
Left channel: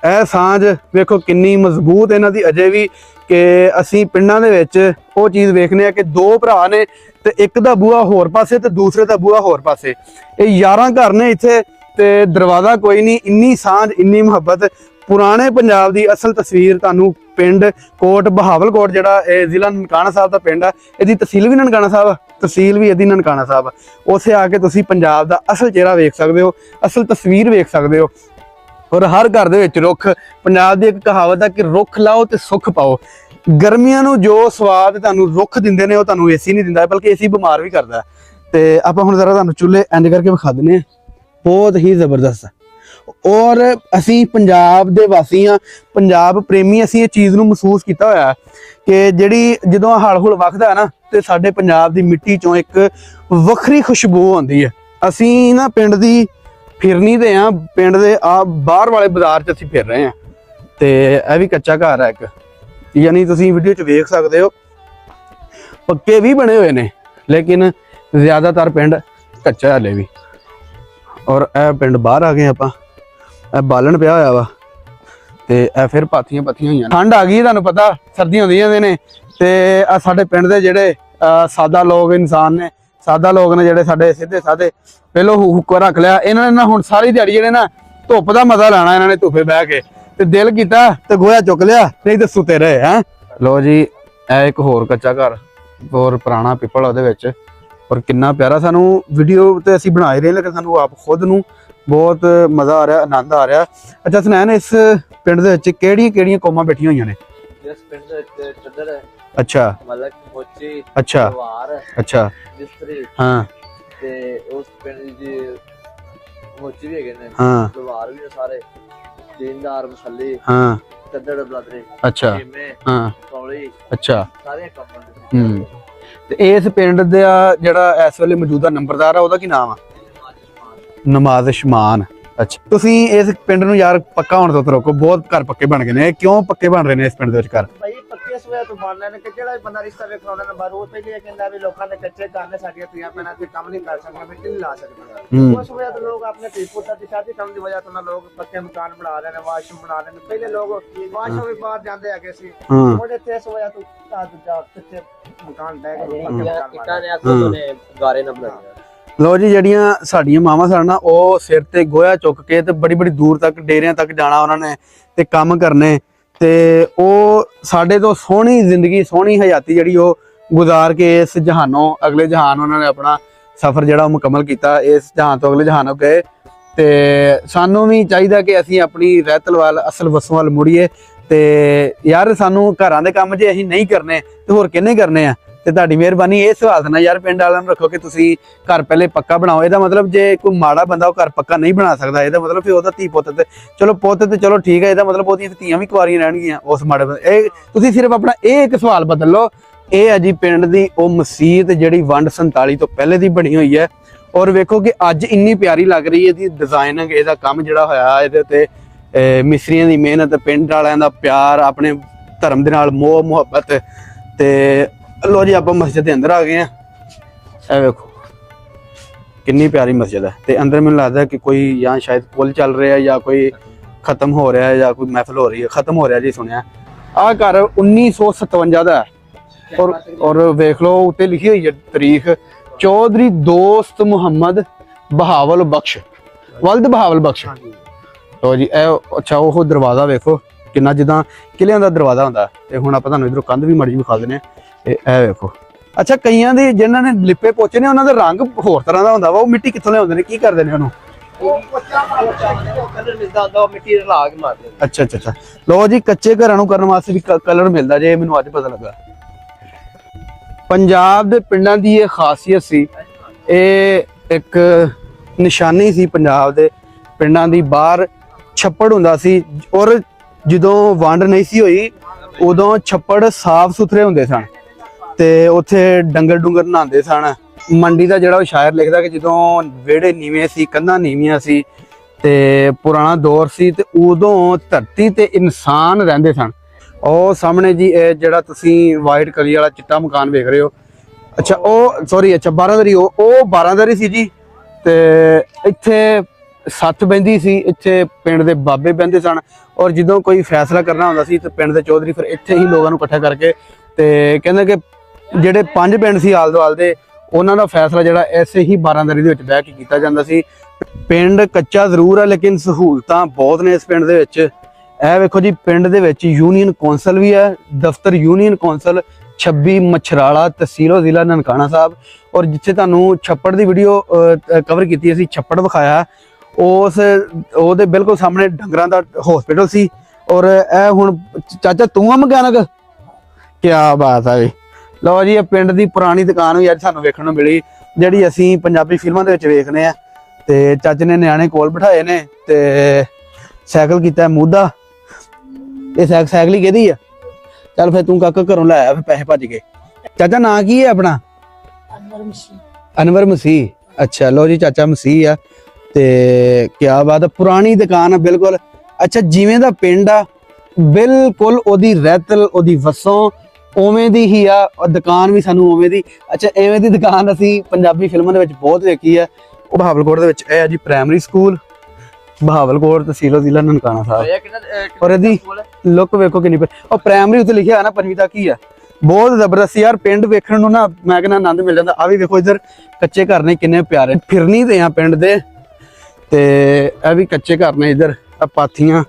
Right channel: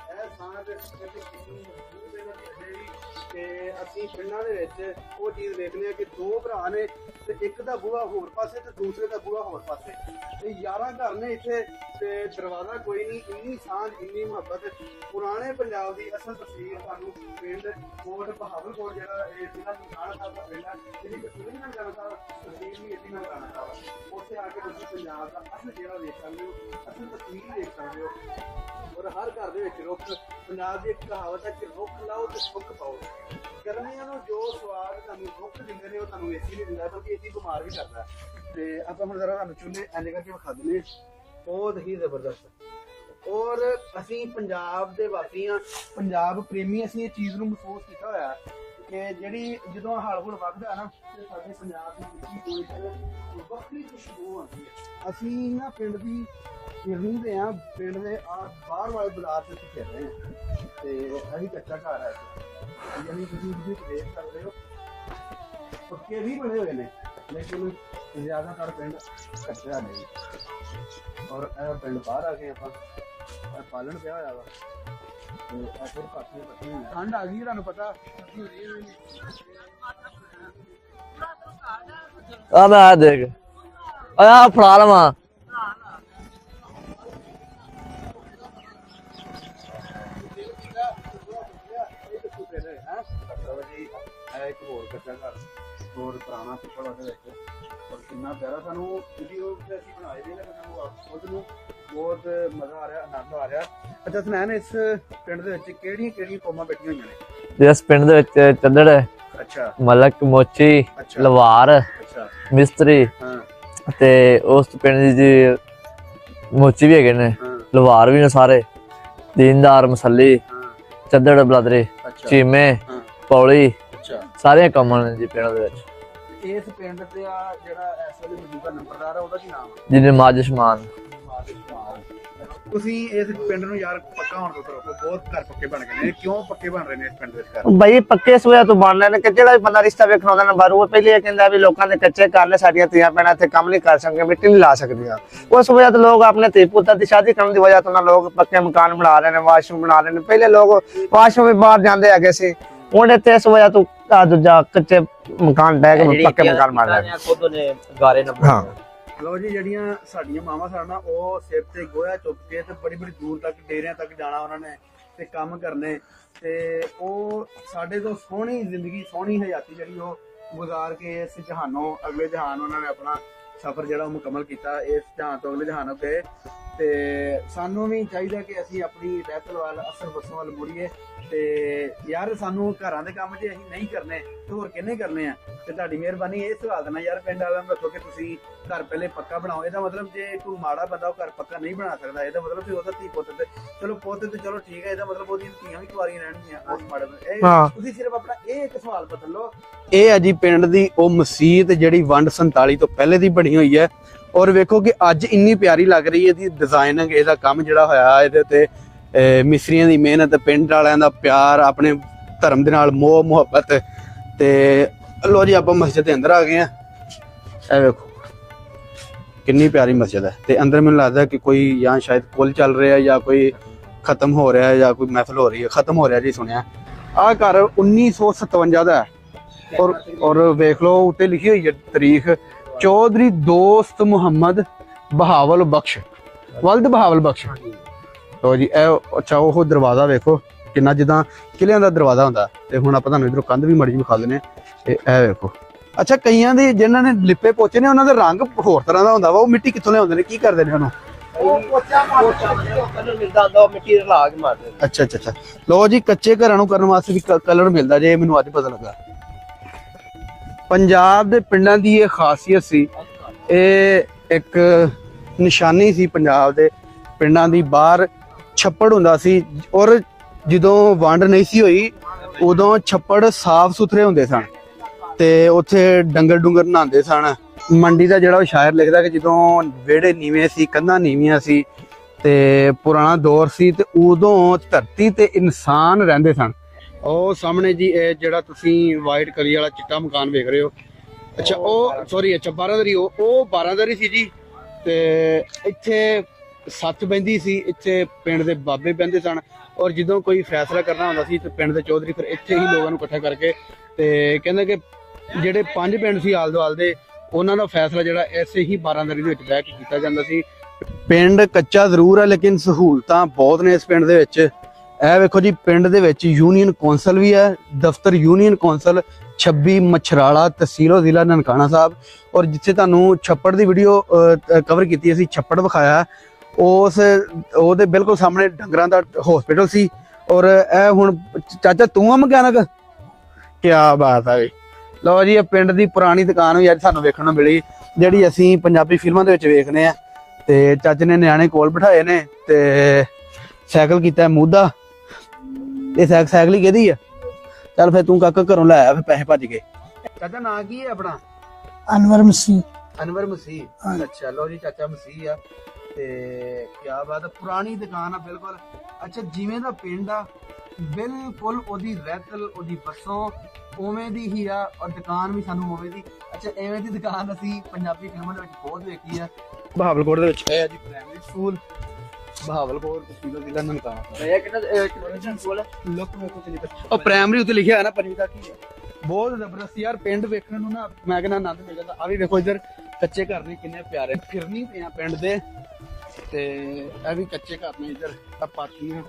ਇਹ ਸਾਂਝ ਵੇਖੋ ਕਿੰਨੀ ਮਜ਼ਬੂਤ ਇਹਨਾਂ ਦੀ ਅਜੇ ਵੀ ਕਿ ਅਸੀਂ ਪਿੰਡਾਂ ਦੇ ਵਿੱਚ ਉਹ ਚੀਜ਼ ਵੇਖਨੇ ਆ ਕਿ ਦੋ ਭਰਾ ਨੇ ਤੇ ਇੱਕ ਦਾ ਬੂਹਾ ਹੋਰ ਪਾਸੇ ਤੇ ਦੂਸਰੇ ਦਾ ਬੂਹਾ ਹੋਰ ਪਾਸੇ। ਇਹ 11 ਘਰ ਨੇ ਇੱਥੇ ਤੇ ਦਰਵਾਜ਼ਾ ਕੋਈ ਨਹੀਂ ਇੰਨੀ ਸਾਂਝ ਇੰਨੀ ਮੁਹੱਬਤ ਪੁਰਾਣੇ ਪੰਜਾਬ ਦੀ ਅਸਲ ਤਸਵੀਰ ਤੁਹਾਨੂੰ ਪਿੰਡ ਕੋਟ ਬਹਾਵਲਕੋਟ ਜਿਹੜਾ ਇਹ ਜ਼ਿਲ੍ਹਾ ਨਨਕਾਣਾ ਸਾਹਿਬ ਦਾ ਪਿੰਡ ਆ। ਇਹਦੀ ਤਹਿਸੀਲ ਵੀ ਨਨਕਾਣਾ ਸਾਹਿਬ ਆ, ਤਹਿਸੀਲ ਵੀ ਇਹਦੀ ਨਨਕਾਣਾ ਸਾਹਿਬ ਆ। ਉੱਥੇ ਆ ਕੇ ਤੁਸੀਂ ਪੰਜਾਬ ਦਾ ਅਸਲ ਚਿਹਰਾ ਵੇਖ ਸਕਦੇ ਹੋ ਅਸਲ ਤਸਵੀਰ ਵੇਖ ਸਕਦੇ ਹੋ। ਔਰ ਹਰ ਘਰ ਦੇ ਵਿੱਚ ਰੁੱਖ ਪੰਜਾਬ ਦੀ ਇੱਕ ਕਹਾਵਤ ਆ ਕਿ ਰੁੱਖ ਲਾਓ ਤੇ ਸੁੱਖ ਪਾਓ। ਗਰਮੀਆਂ ਨੂੰ ਜੋ ਸਵਾਦ ਤੁਹਾਨੂੰ ਰੁੱਖ ਦਿੰਦੇ ਨੇ ਉਹ ਤੁਹਾਨੂੰ ਏਸੀ ਨਹੀਂ ਦਿੰਦਾ ਬਲਕਿ ਏਸੀ ਬਿਮਾਰ ਵੀ ਕਰਦਾ। ਹੈ। ਤੇ ਆਪਾਂ ਹੁਣ ਜ਼ਰਾ ਤੁਹਾਨੂੰ ਚੁੱਲ੍ਹੇ ਐਂਡ ਕਰਕੇ ਵਿਖਾ ਦਿੰਨੇ ਆ ਬਹੁਤ ਹੀ ਜ਼ਬਰਦਸਤ ਔਰ ਅਸੀਂ ਪੰਜਾਬ ਦੇ ਵਾਸੀ ਹਾਂ, ਪੰਜਾਬ ਪ੍ਰੇਮੀ ਅਸੀਂ ਇਹ ਚੀਜ਼ ਨੂੰ ਮਹਿਸੂਸ ਕੀਤਾ ਹੋਇਆ ਕਿ ਜਿਹੜੀ ਜਦੋਂ ਹਲ ਹੁਲ ਵਗਦਾ ਨਾ, ਤੇ ਸਾਡੇ ਪੰਜਾਬ ਦੀ ਮਿੱਟੀ ਚੋਂ ਇੱਕ ਵੱਖਰੀ ਖੁਸ਼ਬੂ ਆਉਂਦੀ ਹੈ। ਅਸੀਂ ਨਾ ਪਿੰਡ ਦੀ ਫਿਰਨੀ ਦੇ ਆ ਪਿੰਡ ਦੇ ਆ ਬਾਹਰ ਵਾਲੇ ਬਾਜ਼ਾਰ 'ਚ ਅਸੀਂ ਫਿਰ ਰਹੇ ਹਾਂ। ਤੇ ਇਹ ਵੀ ਕੱਚਾ ਘਰ ਹੈ ਇੱਕ। ਯਾਨੀ ਤੁਸੀਂ ਵੀਡੀਓ 'ਚ ਵੇਖ ਸਕਦੇ ਹੋ, ਪੱਕੇ ਵੀ ਬਣੇ ਹੋਏ ਨੇ, ਲੇਕਿਨ ਜ਼ਿਆਦਾਤਰ ਪਿੰਡ ਕੱਚਾ ਹਲੇ ਵੀ। ਔਰ ਇਹ ਪਿੰਡ ਬਾਹਰ ਆ ਗਏ ਆਪਾਂ। ਇਹ ਬਾਲਣ ਪਿਆ ਹੋਇਆ ਵਾ। ਤੇ ਇਹ ਫਿਰ ਪਾਥੀਆਂ ਪੱਥੀਆਂ ਹੋਈਆਂ। ਠੰਡ ਆ ਗਈ ਤੁਹਾਨੂੰ ਪਤਾ ਸਰਦੀਆਂ ਹੁੰਦੀਆਂ ਜਾਂਦੇ ਨੇ। ਤੇ ਆ ਸਾਡੇ ਪਿੰਡ ਦੇ ਜਿਹੜੇ ਸਾਦਾ ਲੋਕ ਇਨਸਾਨ ਨੇ ਦੇ ਸਾਦਾ ਲੋਕ ਨੇ ਜਿਹੜੇ ਸਾਡੇ ਪਹਿਲੋ ਹੁੱਕਾ ਰੱਖ ਲਿਆ। ਇਹਨਾਂ ਨੇ ਨਾ ਹੁਣ ਸਾਰੀ ਦਿਹਾੜੀ ਜਿਹੜੇ ਨਾ ਧੁੱਪ ਦਾ ਮਜ਼ਾ ਲੈਣਾ ਇਹਨਾਂ ਨੇ ਧੁੱਪੇ ਬਹਿ ਕੇ। ਤੇ ਦਿਲ ਕੀਤਾ ਤੇ ਗੋਇਆ ਚੁੱਕ ਲਿਆ ਨਹੀਂ ਤੇ ਸੁੱਤੇ ਰਹੇ ਹੈ। ਲੋ ਜੀ ਇਹ ਇੱਕ ਹੋਰ ਕੱਚਾ ਘਰ ਹੋਰ ਪੁਰਾਣਾ ਪਿੱਪਲ ਉਹਦੇ ਵਿੱਚ। ਔਰ ਕਿੰਨਾ ਪਿਆਰਾ ਸਾਨੂੰ ਵੀਡੀਓ ਤੇ ਅਸੀਂ ਬਣਾ ਹੀ ਰਹੇ ਲੇਕਿਨ ਸਾਨੂੰ ਆਪ ਖੁਦ ਨੂੰ ਬਹੁਤ ਮਜ਼ਾ ਆ ਰਿਹਾ ਆਨੰਦ ਆ ਰਿਹਾ। ਅੱਛਾ ਸੁਨੈਨ ਇਸ ਪਿੰਡ ਦੇ ਵਿੱਚ ਕਿਹੜੀਆਂ ਕਿਹੜੀਆਂ ਕੌਮਾਂ ਬੈਠੀਆਂ ਹੋਈਆਂ ਨੇ? ਜਿਸ ਪਿੰਡ ਦੇ ਵਿੱਚ ਚੱਦੜ ਅੱਛਾ। ਮਲਕ ਮੋਚੀ ਅੱਛਾ। ਲਵਾਰ ਅੱਛਾ। ਮਿਸਤਰੀ ਹਾਂ। ਤੇ ਉਸ ਪਿੰਡ ਦੀ ਜੀ ਮੋਚੀ ਵੀ ਹੈਗੇ ਨੇ। ਹਾਂ। ਲਵਾਰ ਵੀ ਨੇ ਸਾਰੇ। ਦੀਨਦਾਰ ਮਸੱਲੀ ਹਾਂ। ਚੱਦੜ ਬਲਦਰੇ ਅੱਛਾ। ਚੀਮੇ ਹਾਂ। ਪੌਲੀ। ਅੱਛਾ। ਸਾਰੀਆਂ ਕੰਮਾਂ ਨੇ ਜੀ ਪਿੰਡ। ਦੇ ਵਿੱਚ। ਤੇ ਇਸ ਪਿੰਡ ਦਾ ਜਿਹੜਾ ਇਸ ਵੇਲੇ ਮੌਜੂਦਾ ਨੰਬਰਦਾਰ ਆ ਉਹਦਾ ਕੀ ਨਾਮ ਆ? ਜਿਹਨੇ ਮਾਜਸ਼ਮਾਨ ਨਮਾਜ਼ ਸ਼ਮਾਨ ਅੱਛਾ। ਤੁਸੀਂ ਇਸ ਪਿੰਡ ਨੂੰ ਯਾਰ ਪੱਕਾ ਹੋਣ ਤੋਂ ਰੋਕੋ ਬਹੁਤ ਘਰ ਪੱਕੇ ਬਣ ਗਏ ਨੇ। ਇਹ ਕਿਉਂ ਪੱਕੇ ਬਣ ਰਹੇ ਨੇ ਇਸ ਪਿੰਡ ਦੇ ਵਿੱਚ ਘਰ? ਬਈ ਪੱਕੇ ਸੋਇਆ ਤੋਂ ਬਣ ਨੇ ਕਿ ਜਿਹੜਾ ਵੀ ਬੰਦਾ ਰਿਸ਼ਤਾ ਵੇਖਣ ਆਉਂਦਾ ਨਾ ਬਾਰੂ ਉਹ ਪਹਿਲੇ ਇਹ ਕਹਿੰਦਾ ਵੀ ਲੋਕਾਂ ਦੇ ਕੱਚੇ ਘਰ ਨੇ ਸਾਡੀਆਂ ਧੀਆਂ ਭੈਣਾਂ ਇੱਥੇ ਕੰਮ ਨਹੀਂ ਕਰ ਸਕਦੀਆਂ ਮਿੱਟੀ ਨਹੀਂ ਲਾ ਸਕਦੀਆਂ। ਉਸ ਵਜ੍ਹਾ ਤੋਂ ਲੋਕ ਆਪਣੇ ਧੀ ਪੁੱਤਰ ਦੀ ਸ਼ਾਦੀ ਕਰਨ ਦੀ ਵਜ੍ਹਾ ਤੋਂ ਨਾ ਲੋਕ ਪੱਕੇ ਮਕਾਨ ਬਣਾ ਰਹੇ ਨੇ ਵਾਸ਼ਰੂਮ ਬਣਾ ਰਹੇ ਨੇ। ਪਹਿਲੇ ਲੋਕ ਵਾਸ਼ਰੂਮ ਵੀ ਬਾਹਰ ਜਾਂਦੇ ਹੈਗੇ ਸੀ। ਹੁਣ ਇੱਥੇ ਇਸ ਵਜ੍ਹਾ ਤੋਂ ਆ ਦੂਜਾ ਕੱਚੇ ਮਕਾਨ ਡੈਗ ਪੱਕੇ ਮਕਾਨ ਬਣ ਰਹੇ ਨੇ। ਗਾਰੇ ਨੰਬਰ ਹਾਂ। ਲੋ ਜੀ, ਜਿਹੜੀਆਂ ਸਾਡੀਆਂ ਮਾਵਾਂ ਸਨ ਨਾ, ਉਹ ਸਿਰ ਤੇ ਗੋਹਾ ਚੁੱਕ ਕੇ ਤੇ ਬੜੀ ਬੜੀ ਦੂਰ ਤੱਕ, ਡੇਰਿਆਂ ਤੱਕ ਜਾਣਾ ਉਹਨਾਂ ਨੇ ਤੇ ਕੰਮ ਕਰਨੇ। ਤੇ ਉਹ ਸਾਡੇ ਤੋਂ ਸੋਹਣੀ ਜ਼ਿੰਦਗੀ, ਸੋਹਣੀ ਹਯਾਤੀ ਜਿਹੜੀ ਉਹ ਗੁਜ਼ਾਰ ਕੇ ਇਸ ਜਹਾਨੋਂ, ਅਗਲੇ ਜਹਾਨ ਉਹਨਾਂ ਨੇ ਆਪਣਾ ਸਫ਼ਰ ਜਿਹੜਾ ਉਹ ਮੁਕੰਮਲ ਕੀਤਾ, ਇਸ ਜਹਾਨ ਤੋਂ ਅਗਲੇ ਜਹਾਨ ਗਏ ਤੇ ਸਾਨੂੰ ਵੀ ਚਾਹੀਦਾ ਕਿ ਅਸੀਂ ਆਪਣੀ ਰਹਿਤਲ ਵੱਲ, ਅਸਲ ਵਸੋਂ ਵੱਲ ਮੁੜੀਏ। ਤੇ ਯਾਰ, ਸਾਨੂੰ ਘਰਾਂ ਦੇ ਕੰਮ ਜੇ ਅਸੀਂ ਨਹੀਂ ਕਰਨੇ, ਤੇ ਹੋਰ ਕਿੰਨੇ ਕਰਨੇ ਆ? ਤੇ ਤੁਹਾਡੀ ਮਿਹਰਬਾਨੀ ਇਹ ਸਵਾਲ ਨਾ ਯਾਰ ਪਿੰਡ ਵਾਲਿਆਂ ਨੂੰ ਰੱਖੋ ਕਿ ਤੁਸੀਂ ਘਰ ਪਹਿਲੇ ਪੱਕਾ ਬਣਾਓ। ਇਹਦਾ ਮਤਲਬ ਜੇ ਕੋਈ ਮਾੜਾ ਬੰਦਾ ਉਹ ਘਰ ਪੱਕਾ ਨਹੀਂ ਬਣਾ ਸਕਦਾ ਇਹਦਾ ਮਤਲਬ ਫਿਰ ਉਹਦਾ ਧੀ ਪੁੱਤ ਤੇ ਚਲੋ ਪੁੱਤ ਤੇ ਚਲੋ ਠੀਕ ਹੈ ਇਹਦਾ ਮਤਲਬ ਉਹਦੀਆਂ ਧੀਆਂ ਵੀ ਕੁਆਰੀਆਂ ਰਹਿਣਗੀਆਂ ਉਸ ਮਾੜੇ ਬੰਦੇ ਇਹ ਤੁਸੀਂ ਸਿਰਫ ਆਪਣਾ ਇਹ ਇੱਕ ਸਵਾਲ ਬਦਲ ਲਓ ਇਹ ਹੈ ਜੀ ਪਿੰਡ ਦੀ ਉਹ ਮਸਜਿਦ ਜਿਹੜੀ ਵੰਡ 47 ਤੋਂ ਪਹਿਲੇ ਦੀ ਬਣੀ ਹੋਈ ਹੈ। ਔਰ ਵੇਖੋ ਕਿ ਅੱਜ ਇੰਨੀ ਪਿਆਰੀ ਲੱਗ ਰਹੀ ਹੈ ਇਹਦੀ ਡਿਜ਼ਾਈਨਿੰਗ ਇਹਦਾ ਕੰਮ ਜਿਹੜਾ ਹੋਇਆ ਇਹਦੇ ਤੇ ਅਹ ਮਿਸਤਰੀਆਂ ਦੀ ਮਿਹਨਤ ਪਿੰਡ ਵਾਲਿਆਂ ਦਾ ਪਿਆਰ ਆਪਣੇ ਧਰਮ ਦੇ ਨਾਲ ਮੋਹ ਮੁਹੱਬਤ ਤੇ ਲੋ ਜੀ, ਆਪਾਂ ਮਸਜਿਦ ਦੇ ਅੰਦਰ ਆ ਗਏ ਆ ਇਹ ਵੇਖੋ, ਕਿੰਨੀ ਪਿਆਰੀ ਮਸਜਿਦ ਹੈ। ਤੇ ਅੰਦਰ ਮੈਨੂੰ ਲੱਗਦਾ ਕਿ ਕੋਈ ਜਾਂ ਸ਼ਾਇਦ ਪੁੱਲ ਚੱਲ ਰਿਹਾ ਜਾਂ ਕੋਈ ਖਤਮ ਹੋ ਰਿਹਾ ਜਾਂ ਕੋਈ ਮਹਿਫਲ ਹੋ ਰਹੀ ਹੈ। ਖਤਮ ਹੋ ਰਿਹਾ ਜੀ, ਸੁਣਿਆ। ਆਹ ਘਰ 1957 ਦਾ ਔਰ ਔਰ ਵੇਖ ਲਓ, ਉੱਤੇ ਲਿਖੀ ਹੋਈ ਹੈ ਤਾਰੀਖ ਚੌਧਰੀ ਦੋਸਤ ਮੁਹੰਮਦ ਬਹਾਵਲ ਬਖਸ਼। ਵਲਦ ਬਹਾਵਲ ਬਖਸ਼। ਲੋ ਜੀ, ਇਹ, ਅੱਛਾ, ਉਹ ਦਰਵਾਜ਼ਾ ਵੇਖੋ। ਕਿੰਨਾ ਜਿੱਦਾਂ ਕਿਲਿਆਂ ਦਾ ਦਰਵਾਜ਼ਾ ਹੁੰਦਾ ਤੇ ਹੁਣ ਆਪਾਂ ਤੁਹਾਨੂੰ ਇਧਰੋਂ ਕੰਧ ਵੀ ਮੜੀ ਵਿਖਾ ਹਾਂ ਤੇ ਇਹ ਵੇਖੋ। ਅੱਛਾ ਕਈਆਂ ਦੇ ਜਿਨ੍ਹਾਂ ਨੇ ਲਿਪੇ ਪੋਚੇ ਨੇ ਉਹਨਾਂ ਦਾ ਰੰਗ ਹੋਰ ਤਰ੍ਹਾਂ ਦਾ ਹੁੰਦਾ ਵਾ ਉਹ ਮਿੱਟੀ ਕਿੱਥੋਂ ਲਿਆਉਂਦੇ ਨੇ? ਕੀ ਕਰਦੇ ਨੇ ਉਹਨੂੰ ਮਿੱਟੀ ਲਾ ਕੇ ਮਾਰਦੇ ਅੱਛਾ ਅੱਛਾ ਅੱਛਾ। ਲੋ ਜੀ ਕੱਚੇ ਘਰਾਂ ਨੂੰ ਕਰਨ ਵਾਸਤੇ ਵੀ ਕਲਰ ਮਿਲਦਾ ਜੇ ਮੈਨੂੰ ਅੱਜ ਪਤਾ ਲੱਗਾ। ਪੰਜਾਬ ਦੇ ਪਿੰਡਾਂ ਦੀ ਇਹ ਖਾਸੀਅਤ ਸੀ ਇਹ ਇੱਕ ਨਿਸ਼ਾਨੀ ਸੀ ਪੰਜਾਬ ਦੇ ਪਿੰਡਾਂ ਦੀ ਬਾਹਰ ਛੱਪੜ ਹੁੰਦਾ ਸੀ ਔਰ ਜਦੋਂ ਵੰਡ ਨਹੀਂ ਸੀ ਹੋਈ, ਉਦੋਂ ਛੱਪੜ ਸਾਫ਼ ਸੁਥਰੇ ਹੁੰਦੇ ਸਨ ਤੇ ਉੱਥੇ ਡੰਗਰ ਡੁੰਗਰ ਨਹਾਉਂਦੇ ਸਨ। ਮੰਡੀ ਦਾ ਜਿਹੜਾ ਉਹ ਸ਼ਾਇਰ ਲਿਖਦਾ ਕਿ ਜਦੋਂ ਵਿਹੜੇ ਨੀਵੇਂ ਸੀ, ਕੰਧਾਂ ਨੀਵੀਆਂ ਸੀ ਤੇ ਪੁਰਾਣਾ ਦੌਰ ਸੀ ਤੇ ਉਦੋਂ ਧਰਤੀ ਤੇ ਇਨਸਾਨ ਰਹਿੰਦੇ ਸਨ। ਉਹ ਸਾਹਮਣੇ ਜੀ ਇਹ ਜਿਹੜਾ ਤੁਸੀਂ ਵਾਈਟ ਕਲੀ ਵਾਲਾ ਚਿੱਟਾ ਮਕਾਨ ਵੇਖ ਰਹੇ ਹੋ। ਅੱਛਾ, ਉਹ ਸੌਰੀ ਅੱਛਾ 12ਦਰੀ ਉਹ ਉਹ 12ਦਰੀ ਸੀ ਜੀ ਤੇ ਇੱਥੇ ਸੱਤ ਬੈਂਦੀ ਸੀ, ਇੱਥੇ ਪਿੰਡ ਦੇ ਬਾਬੇ ਬੈੰਦੇ ਸਨ। ਔਰ ਜਦੋਂ ਕੋਈ ਫੈਸਲਾ ਕਰਨਾ ਹੁੰਦਾ ਸੀ ਤੇ ਪਿੰਡ ਦੇ ਚੌਧਰੀ ਫਿਰ ਇੱਥੇ ਹੀ ਲੋਕਾਂ ਨੂੰ ਇਕੱਠਾ ਕਰਕੇ ਤੇ ਕਹਿੰਦੇ ਕਿ ਜਿਹੜੇ ਪੰਜ ਪਿੰਡ ਸੀ ਆਲ ਦੁਆਲ ਦੇ, ਉਹਨਾਂ ਦਾ ਫੈਸਲਾ ਜਿਹੜਾ ਐਸੇ ਹੀ 12ਦਰੀ ਦੇ ਵਿੱਚ ਬਹਿ ਕੇ ਕੀਤਾ ਜਾਂਦਾ ਸੀ। ਪਿੰਡ ਕੱਚਾ ਜ਼ਰੂਰ ਹੈ ਲੇਕਿਨ ਸਹੂਲਤਾਂ ਬਹੁਤ ਨੇ ਇਸ ਪਿੰਡ ਦੇ ਵਿੱਚ। ਇਹ ਵੇਖੋ ਜੀ, ਪਿੰਡ ਦੇ ਵਿੱਚ ਯੂਨੀਅਨ ਕੌਂਸਲ ਵੀ ਹੈ, ਦਫ਼ਤਰ ਯੂਨੀਅਨ ਕੌਂਸਲ 26 ਮਛਰਾਲਾ ਤਹਿਸੀਲੋ ਜ਼ਿਲ੍ਹਾ ਨਨਕਾਣਾ ਸਾਹਿਬ। ਔਰ ਜਿੱਥੇ ਤੁਹਾਨੂੰ ਛੱਪੜ ਦੀ ਵੀਡੀਓ ਕਵਰ ਕੀਤੀ ਅਸੀਂ, ਛੱਪੜ ਵਿਖਾਇਆ। ਉਸ ਉਹਦੇ ਬਿਲਕੁਲ ਸਾਹਮਣੇ ਡੰਗਰਾਂ ਦਾ ਹਸਪੀਟਲ ਸੀ ਔਰ ਇਹ ਹੁਣ ਚਾਚਾ ਤੂੰ ਆ ਮਕੈਨਿਕ? ਕੀ ਬਾਤ ਹੈ ਜੀ। ਲਓ ਜੀ ਇਹ ਪਿੰਡ ਦੀ ਪੁਰਾਣੀ ਦੁਕਾਨ ਵੀ ਅੱਜ ਸਾਨੂੰ ਵੇਖਣ ਨੂੰ ਮਿਲੀ ਜਿਹੜੀ ਅਸੀਂ ਪੰਜਾਬੀ ਫਿਲਮਾਂ ਦੇ ਵਿੱਚ ਵੇਖਦੇ ਆ ਤੇ ਚਾਚੇ ਨੇ ਨਿਆਣੇ ਕੋਲ ਬਿਠਾਏ ਨੇ ਤੇ ਸਾਈਕਲ ਕੀਤਾ ਮੂਦਾ ਇਹ ਸਾਈਕਲ ਸਾਈਕਲ ਹੀ ਕਿਹਦੀ ਆ? ਚੱਲ ਫਿਰ ਤੂੰ ਕਾਕਾ ਘਰੋਂ ਲੈ ਆ ਫਿਰ ਪੈਸੇ ਭੱਜ ਗਏ। ਚਾਚਾ ਨਾਂ ਕੀ ਹੈ ਆਪਣਾ? ਅਨਵਰ ਮਸੀਹ। ਅਨਵਰ ਮਸੀਹ। ਅੱਛਾ ਲੋ ਜੀ ਚਾਚਾ ਮਸੀਹ ਆ। ਤੇ ਕੀ ਬਾਤ ਹੈ ਪੁਰਾਣੀ ਦੁਕਾਨ ਆ ਬਿਲਕੁਲ। ਅੱਛਾ ਜਿਵੇਂ ਦਾ ਪਿੰਡ ਆ ਬਿਲਕੁਲ ਉਹਦੀ ਰਹਿਤਲ ਉਹਦੀ ਵਸੋਂ ਉਵੇਂ ਦੀ ਹੀ ਆ ਔਰ ਦੁਕਾਨ ਵੀ ਸਾਨੂੰ ਉਵੇਂ ਦੀ। ਅੱਛਾ ਐਵੇਂ ਦੀ ਦੁਕਾਨ ਅਸੀਂ ਪੰਜਾਬੀ ਫਿਲਮਾਂ ਦੇ ਵਿੱਚ ਬਹੁਤ ਵੇਖੀ ਆ। ਉਹ ਬਹਾਵਲਕੋਟ ਦੇ ਵਿੱਚ ਇਹ ਆ ਜੀ ਪ੍ਰਾਇਮਰੀ ਸਕੂਲ ਬਹਾਵਲਕੋਟ ਤਹਿਸੀਲੋ ਜ਼ਿਲ੍ਹਾ ਨਨਕਾਣਾ ਸਾਹਿਬ। ਔਰ ਇਹਦੀ ਲੁੱਕ ਵੇਖੋ ਕਿੰਨੀ। ਉਹ ਪ੍ਰਾਇਮਰੀ ਉੱਤੇ ਲਿਖਿਆ ਹੈ ਨਾ ਪੰਜਵੀਂ ਤੱਕ ਹੀ ਆ। ਬਹੁਤ ਜ਼ਬਰਦਸਤ ਯਾਰ ਪਿੰਡ ਵੇਖਣ ਨੂੰ ਨਾ ਮੈਂ ਕਹਿੰਦਾ ਆਨੰਦ ਮਿਲ ਜਾਂਦਾ। ਆ ਵੀ ਵੇਖੋ ਇੱਧਰ ਕੱਚੇ ਘਰ ਨੇ ਕਿੰਨੇ ਪਿਆਰੇ। ਫਿਰਨੀ ਤੇ ਆ ਪਿੰਡ ਦੇ। ਤੇ ਇਹ ਵੀ ਕੱਚੇ ਘਰ ਨੇ ਇੱਧਰ ਆ ਪਾਥੀਆਂ।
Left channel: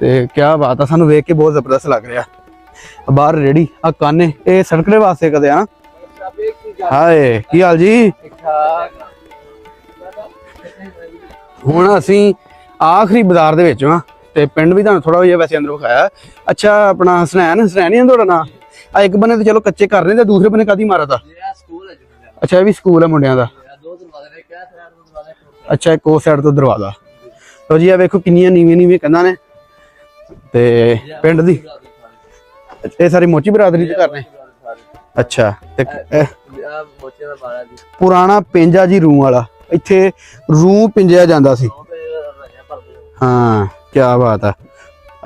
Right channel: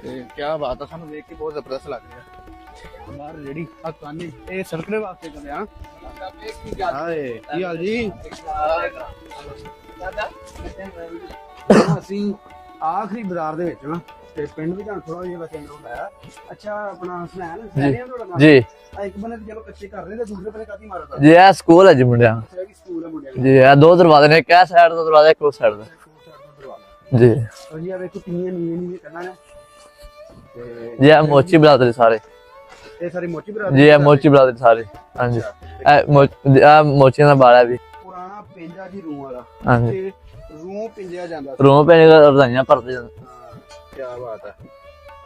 ਤੇ ਕੀ ਬਾਤ ਆ, ਸਾਨੂੰ ਵੇਖ ਕੇ ਬਹੁਤ ਜ਼ਬਰਦਸਤ ਲੱਗ ਰਿਹਾ। ਬਾਹਰ ਰੇੜੀ ਆ ਕਾਨੇ, ਇਹ ਸੜਕ ਦੇ ਵਾਸਤੇ ਕਦੇ ਆ ਹਾਏ, ਕੀ ਹਾਲ ਜੀ? ਹੁਣ ਅਸੀਂ ਆਖਰੀ ਬਾਜ਼ਾਰ ਦੇ ਵਿੱਚ ਹਾਂ ਤੇ ਪਿੰਡ ਵੀ ਤੁਹਾਨੂੰ ਥੋੜਾ ਜਿਹਾ ਵੈਸੇ ਅੰਦਰ ਵਿਖਾਇਆ। ਅੱਛਾ ਆਪਣਾ ਹਸਨੈਨ ਹਸਨੈਨ ਹੀ ਆ ਤੁਹਾਡਾ ਨਾਮ? ਜੀ। ਆ ਇੱਕ ਬੰਨੇ ਤੇ ਚਲੋ ਕੱਚੇ ਕਰ ਰਹੇ ਤੇ ਦੂਸਰੇ ਬੰਨੇ ਕਾਦੀ ਮਾਰਦਾ ਜੀ ਇਹ ਸਕੂਲ ਹੈ ਜੀ ਮੁੰਡਿਆਂ ਦਾ। ਅੱਛਾ ਇਹ ਵੀ ਸਕੂਲ ਹੈ ਮੁੰਡਿਆਂ ਦਾ। ਜੀ ਇਹ ਦੋ ਦਰਵਾਜ਼ੇ ਨੇ ਇੱਕ ਇਹ ਸਾਈਡ ਤੋਂ ਦਰਵਾਜ਼ਾ ਇੱਕ ਉਸ ਸਾਈਡ ਅੱਛਾ ਇੱਕ ਉਹ ਸਾਈਡ ਤੋਂ ਦਰਵਾਜ਼ਾ। ਜੀ। ਲੋ ਜੀ ਆ ਵੇਖੋ ਕਿੰਨੀਆਂ ਨੀਵੀਆਂ ਨੀਵੀਆਂ ਕੰਧਾਂ ਨੇ। ਤੇ ਜੀ ਇਹ ਪਿੰਡ ਮੋਚੀ ਦੀ- ਬਰਾਦਰੀ ਸਾਰੇ। ਇਹ ਸਾਰੀ ਮੋਚੀ ਬਰਾਦਰੀ ਜੀ ਦੇ? ਇਹ? ਮੋਚੀ ਬਰਾਦਰੀ ਸਾਰੇ। ਅੱਛਾ ਇਹ ਮੋਚੀਆਂ ਦਾ ਬਾੜਾ ਵੀ। ਪੁਰਾਣਾ ਪਿੰਜਾ ਜੀ ਰੂੰ ਵਾਲਾ। ਇੱਥੇ ਰੂੰ ਪਿੰਜਿਆ ਜਾਂਦਾ ਸੀ। ਰੂਮ ਪੈ ਰਜ਼ਾਈਆਂ ਭਰਦੇ ਜਾਂਦੇ। ਹਾਂ ਕੀ ਬਾਤ ਹੈ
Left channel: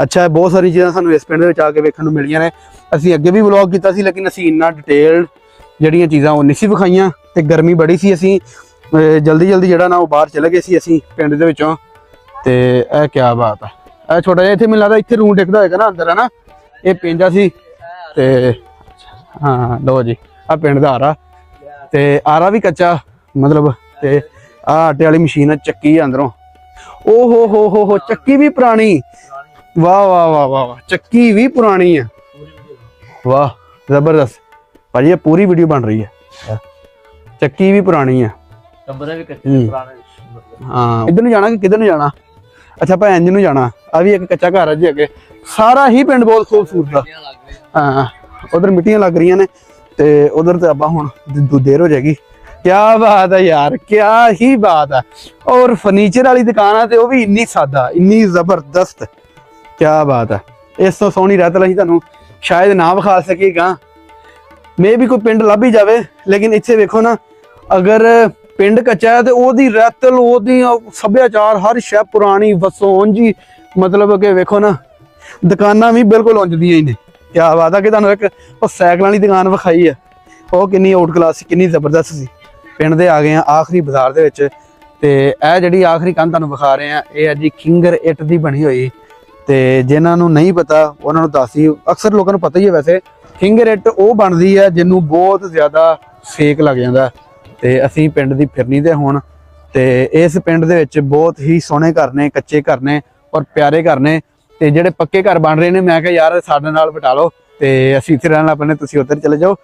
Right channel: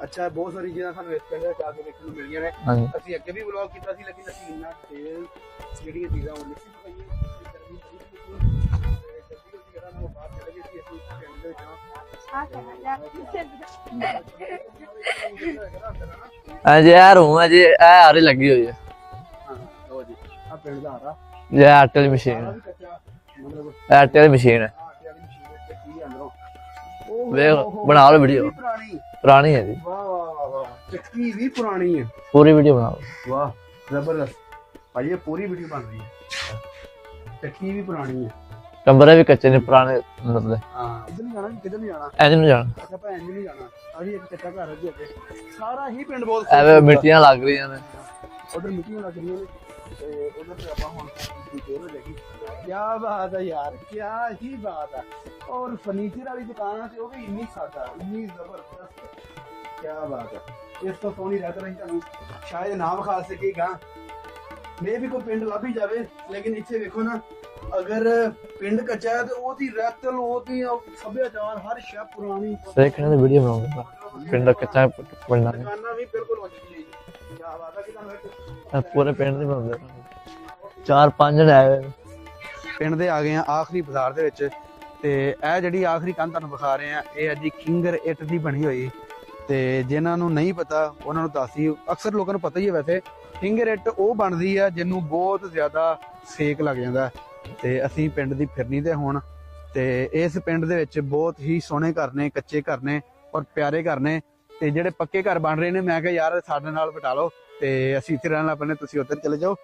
ਅੱਛਾ ਬਹੁਤ ਸਾਰੀ ਚੀਜ਼ਾਂ ਸਾਨੂੰ ਇਸ ਪਿੰਡ ਦੇ ਵਿੱਚ ਆ ਕੇ ਵੇਖਣ ਨੂੰ ਮਿਲੀਆਂ ਨੇ। ਅਸੀਂ ਅੱਗੇ ਵੀ ਵਲੌਗ ਕੀਤਾ ਸੀ ਲੇਕਿਨ ਅਸੀਂ ਇੰਨਾ ਡਿਟੇਲਡ ਜਿਹੜੀਆਂ ਚੀਜ਼ਾਂ ਉਹ ਨਹੀਂ ਸੀ ਵਿਖਾਈਆਂ ਤੇ ਗਰਮੀ ਬੜੀ ਸੀ ਅਸੀਂ। ਜਲਦੀ ਜਲਦੀ ਜਿਹੜਾ ਨਾ ਉਹ ਬਾਹਰ ਚਲੇ ਗਏ ਸੀ ਅਸੀਂ ਪਿੰਡ ਦੇ ਵਿੱਚੋਂ। ਤੇ ਇਹ ਕੀ ਬਾਤ ਹੈ ਇਹ ਛੋਟਾ ਜਿਹਾ ਇੱਥੇ ਮੈਨੂੰ ਲੱਗਦਾ ਇੱਥੇ ਰੂਮ ਟਿਕਦਾ ਹੋਏਗਾ ਨਾ ਅੰਦਰ ਹੈ ਨਾ ਹੈ ਇਹ ਲੱਗੀ ਹੋਈ ਹੈ ਹਾਂ ਜੀ ਆ ਪਿੰਡ ਦਾ ਆਟੇ ਤੇ ਆਰਾ ਵੀ ਕੱਚਾ ਮਤਲਬ ਆਟੇ ਦੀ ਮਸ਼ੀਨ ਹੈ ਆ। ਆਟੇ ਵਾਲੀ ਮਸ਼ੀਨ ਆ ਚੱਕੀ ਆ ਅੰਦਰੋਂ। ਓ ਹੋ ਵੇਖ, ਹੋ ਹੋ ਬਣਾ ਲਓ ਚੱਕੀ ਵੀ। ਪੁਰਾਣੀ। ਪੁਰਾਣੀ ਹੈ ਜੀ। ਵਾਹ ਵਾਹ ਵਾਹ ਵਾਹ ਚੱਕੀ ਵੀ ਪੁਰਾਣੀ ਆ। ਪੂਰੀ ਵੀਡੀਓ ਬਣਾਓ ਵਾਹ ਜ਼ਬਰਦਸਤ। ਭਾਜੀ ਇਹ ਪੂਰੀ ਵੀਡੀਓ ਬਣ ਰਹੀ ਹੈ। ਹਾਂ। ਚੱਕੀ ਵੀ ਪੁਰਾਣੀ ਆ। ਕਮਰੇ ਵੀ ਕੱਚੇ ਨੇ ਹੂੰ। ਪੁਰਾਣੇ ਮਤਲਬ ਹਾਂ ਇੱਧਰ ਨੂੰ ਜਾਣਾ ਕਿ ਕਿੱਧਰ ਨੂੰ ਜਾਣਾ? ਐਂ ਨੂੰ ਜਾਣਾ। ਅੱਛਾ ਆਪਾਂ ਇੰਜ ਨੂੰ ਜਾਣਾ। ਆ ਵੀ ਇੱਕ ਕੱਚਾ ਘਰ ਹੈ ਜੀ ਅੱਗੇ। ਸਾਰਾ ਹੀ ਪਿੰਡ ਬਹੁਤ ਐਵੇਂ ਖੂਬਸੂਰਤ। ਮਿੱਟੀਆਂ ਲੱਗ ਰਹੀਆਂ ਨੇ। ਹਾਂ ਉਧਰ ਮਿੱਟੀਆਂ ਲੱਗ ਰਹੀਆਂ ਨੇ ਤੇ ਉਧਰ ਤੇ ਆਪਾਂ ਹੁਣ ਦ- ਦੇਰ ਹੋ ਜਾਏਗੀ। ਕੀ ਬਾਤ ਹੈ ਯਾਰ ਕੀ ਹੀ ਬਾਤ ਹੈ ਔਰ ਫਰਨੀਚਰ ਵਾਲੀ ਦੁਕਾਨ ਆ ਤੇ ਉਹ ਵੀ ਇੰਨੀ ਸਾਦਾ ਇੰਨੀ ਜ਼ਬਰਦਸਤ। ਕੀ ਬਾਤ ਹੈ ਇਸ ਤੋਂ ਸੋਹਣੀ ਰਹਿਤ ਅਸੀਂ ਤੁਹਾਨੂੰ ਸ਼ਾਇਦ ਨਾ ਵਿਖਾ ਸਕੇਗਾ। ਮੇ ਵੀ ਕੋਈ ਪਿੰਡ ਲੱਭ ਹੀ ਜਾਵੇ ਲੇਕਿਨ ਇੱਥੇ ਵੇਖੋ ਨਾ ਅਗਰ ਪਿੰਡ ਕੱਚਾ ਤੇ ਉਹਦੀ ਰਹਿਤਲ ਉਹਦੀ ਉਹ ਸੱਭਿਆਚਾਰ ਹਰ ਸ਼ੈ ਪੁਰਾਣੀ ਵਸੋਂ ਜੀ ਮਤਲਬ ਕਿ ਵੇਖੋ ਨਾ ਦੁਕਾਨਾਂ ਵੀ ਬਿਲਕੁਲ ਉਂਝ ਦੀਆਂ ਹੀ ਨੇ। ਕੀ ਬਾਤ ਆ ਕਿ ਤੁਹਾਨੂੰ ਇੱਕ ਉਹ ਸਾਈਕਲਾਂ ਵਾਲੀ ਦੁਕਾਨ ਵਿਖਾਈ ਆ ਉਹ ਕਿੰਨੀ ਹੋਰ ਕਲਾਸ ਕਿੰਨੀ। ਜ਼ਬਰਦਸਤ ਸੀ। ਪਿੰਡ ਦੇ ਆ ਗਏ ਆ ਆਖਰੀ ਬਾਜ਼ਾਰ ਦੇ ਵਿੱਚ ਤੇ ਇਹ ਜਿਹੜੀ ਆਖਰੀ ਕੰਧ ਤੁਹਾਨੂੰ ਵਿਖਾ ਰਹੇ ਆ ਇਹ ਆ ਜੀ ਕਿੰਗਰ ਇੱਟ ਦੀ ਬਣੀ ਹੋਈ। ਤੇ ਜਿਨ੍ਹਾਂ ਨੂੰ ਨਹੀਂ ਪਤਾ ਉਹਨਾਂ ਨੂੰ ਦੱਸੀ ਅਕਸਰ ਲੋਕਾਂ ਨੂੰ ਪਤਾ ਹੀ ਹੈ ਵੈਸੇ ਕਿੰਗਰ ਇੱਟ ਉਹ ਬਣਦੀ ਹੈ ਜਿਹਨੂੰ ਬਹੁਤ ਜ਼ਿਆਦਾ ਸੇਕ ਲੱਗ ਜਾਂਦਾ। ਤੇ ਅਸੀਂ ਪਿੰਡ ਦੀ ਫਿਰਨੀ ਦੇ ਹੁਣ ਤੇ ਇਸ ਪਿੰਡ ਦੇ ਵਿੱਚ ਬਹੁਤ ਹੀ ਸੋਹਣੇ ਘਰ ਨੇ, ਕੱਚੇ ਘਰ ਨੇ ਔਰ ਪਿਆਰੇ ਘਰ ਨੇ ਤੇ ਜਿਹੜੇ ਪੱਕੇ ਘਰ ਬਣ ਰਹੇ ਨੇ, ਮੈਂ ਕਿਹਾ ਯਾਰ ਸਾਡੇ ਨਾਲ ਬਿਠਾ ਲਓ ਤੇ ਅਸੀਂ ਇੱਥੇ ਰਹਿਣ ਲੱਗ ਤੁਸੀਂ ਉੱਧਰ ਚਲੇ ਜਾਓ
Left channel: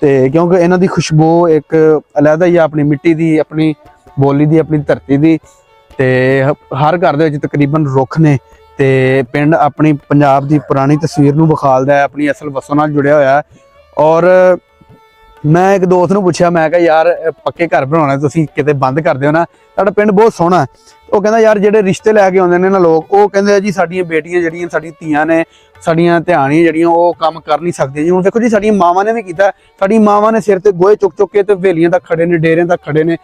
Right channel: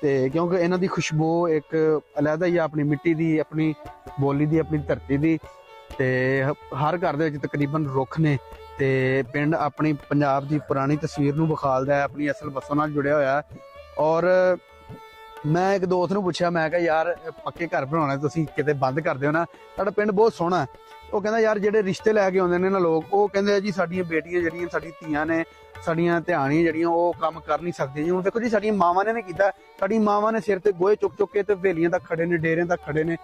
ਤੇ ਕਿਉਂਕਿ ਇਹਨਾਂ ਦੀ ਖੁਸ਼ਬੂ ਇੱਕ ਅਲੱਗਾ ਹੀ ਆ, ਆਪਣੀ ਮਿੱਟੀ ਦੀ, ਆਪਣੀ ਬੋਲੀ ਦੀ, ਆਪਣੀ ਧਰਤੀ ਦੀ ਤੇ ਹ- ਹਰ ਘਰ ਦੇ ਵਿੱਚ ਤਕਰੀਬਨ ਰੁੱਖ ਨੇ ਤੇ ਪਿੰਡ ਆਪਣੀ ਪੰਜਾਬ ਦੀ ਪੁਰਾਣੀ ਤਸਵੀਰ ਨੂੰ ਵਿਖਾਲਦਾ ਹੈ, ਆਪਣੀ ਅਸਲ ਵਸੋਂ ਨਾਲ ਜੁੜਿਆ ਹੋਇਆ ਹੈ ਔਰ ਮੈਂ ਇੱਕ ਦੋਸਤ ਨੂੰ ਪੁੱਛਿਆ, ਮੈਂ ਕਿਹਾ, ਯਾਰ ਪੱਕੇ ਘਰ ਬਣਾਉਣਾ ਤੁਸੀਂ ਕਿਤੇ ਬੰਦ ਕਰ ਦਿਓ ਨਾ। ਤੁਹਾਡਾ ਪਿੰਡ ਬਹੁਤ ਸੋਹਣਾ ਉਹ ਕਹਿੰਦਾ ਯਾਰ ਜਿਹੜੇ ਰਿਸ਼ਤੇ ਲੈ ਕੇ ਆਉਂਦੇ ਨੇ ਨਾ ਲੋਕ, ਉਹ ਕਹਿੰਦੇ ਆ ਜੀ ਸਾਡੀਆਂ ਬੇਟੀਆਂ ਜਿਹੜੀਆਂ, ਸਾਡੀਆਂ ਧੀਆਂ ਨੇ, ਸਾਡੀਆਂ ਧਿਆਣੀਆਂ ਜਿਹੜੀਆਂ, ਉਹ ਕੰਮ ਕਰ ਨਹੀਂ ਸਕਦੀਆਂ ਜੀ। ਹੁਣ ਦੇਖੋ ਜੀ, ਸਾਡੀਆਂ ਮਾਵਾਂ ਨੇ ਵੀ ਕੀਤਾ ਸਾਡੀ ਮਾਵਾਂ ਨੇ ਸਿਰ ਤੇ ਗੋਹੇ ਚੁੱਕ ਚੁੱਕ ਕੇ ਤੇ ਵੇਲੀਆਂ ਤੱਕ ਖੜੇ ਨੇ, ਡੇਰਿਆਂ ਤੱਕ ਖੜੇ ਨੇ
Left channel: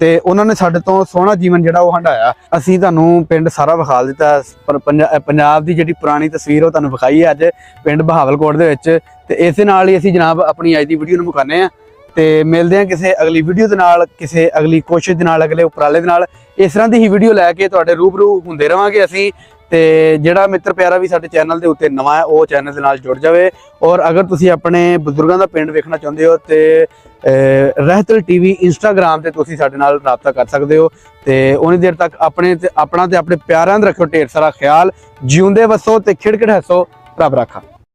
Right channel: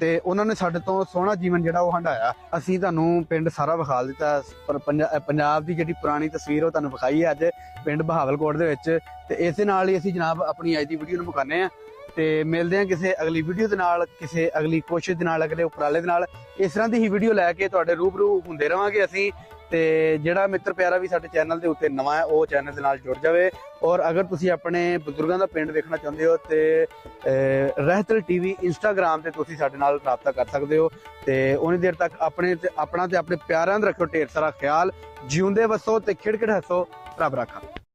ਤੇ ਉਹਨਾਂ ਨੇ ਸਾਡੇ ਤੋਂ ਸੋਹਣਾ ਜੀਵਨ ਜਿਹੜਾ ਉਹ ਹੰਡਾਇਆ। ਅਸੀਂ ਤੁਹਾਨੂੰ ਪਿੰਡ ਸਾਰਾ ਵਿਖਾ ਦਿੱਤਾ, ਪਰ ਪੰਜਾਬ ਦੀ ਜਿਹੜੀ ਪੁਰਾਣੀ ਤਸਵੀਰ ਉਹ ਤੁਹਾਨੂੰ ਵਿਖਾਈ ਹੈ ਅੱਜ ਪਿੰਡ ਬਹਾਵਲਕੋਟ ਦੇ ਵਿੱਚ। ਤੇ ਇਸੇ ਨਾਲ ਹੀ ਅਸੀਂ ਜਨਾਬ ਆਪਣੀ ਅੱਜ ਦੀ ਵੀਡੀਓ ਨੂੰ ਮੁਕਾਉਂਦੇ ਆ ਤੇ ਮਿਲਦੇ ਹਾਂ ਕਿਸੇ ਅਗਲੀ ਵੀਡੀਓ ਦੇ ਨਾਲ ਕਿਸੇ ਅਗਲੀ ਕੋਸ਼ਿਸ਼ ਦੇ ਨਾਲ ਅਗਲੇ ਉਪਰਾਲੇ ਦੇ ਨਾਲ। ਇਸ ਤਰ੍ਹਾਂ ਦੀ ਹੀ ਵੀਡੀਓ ਲੈ ਕੇ ਤੁਹਾਡੇ ਰੂਬਰੂ ਹੁੰਦੇ ਰਵਾਂਗੇ ਅਸੀਂ। ਤੇ ਜਿਹੜਾ ਮਿੱਤਰ ਪਿਆਰਾ ਵੀ ਸਾਡੇ ਚੈਨਲ ਦੇ ਉੱਤੇ ਨਵਾਂ ਹੈ ਉਹ ਚੈਨਲ ਦੇ ਨਾਲ ਜੁੜ ਜਾਵੇ। ਔਰ ਅਗਰ ਤੁਸੀਂ ਆਪਣੇ ਬਜ਼ੁਰਗਾਂ ਦਾ ਪਿੰਡ ਵੇਖਣਾ ਚਾਹੁੰਦੇ ਹੋ ਤੇ ਅਹ, ਰਹਿਤਲ ਟੀਵੀ ਇੰਸਟਾਗ੍ਰam ਤੇ ਤੁਸੀਂ ਸਾਡੇ ਨਾਲ ਰਾਬਤਾ ਕਰ ਸਕਦੇ ਹੋ। ਤੇ ਉਨੀ ਦੇਰ ਤੱਕ ਆਪਣੇ ਤੇ ਆਪਣਾ ਤੇ ਆਪਣੇ ਪਿਆਰਿਆਂ ਦਾ ਰੱਖੋ ਢੇਰ ਸਾਰਾ ਖਿਆਲ। ਜਿਉਂਦੇ ਵਸੋ ਤੇ ਖਿੜਖਿੜ ਹੱਸੋ ਰੱਬ ਰਾਖਾ।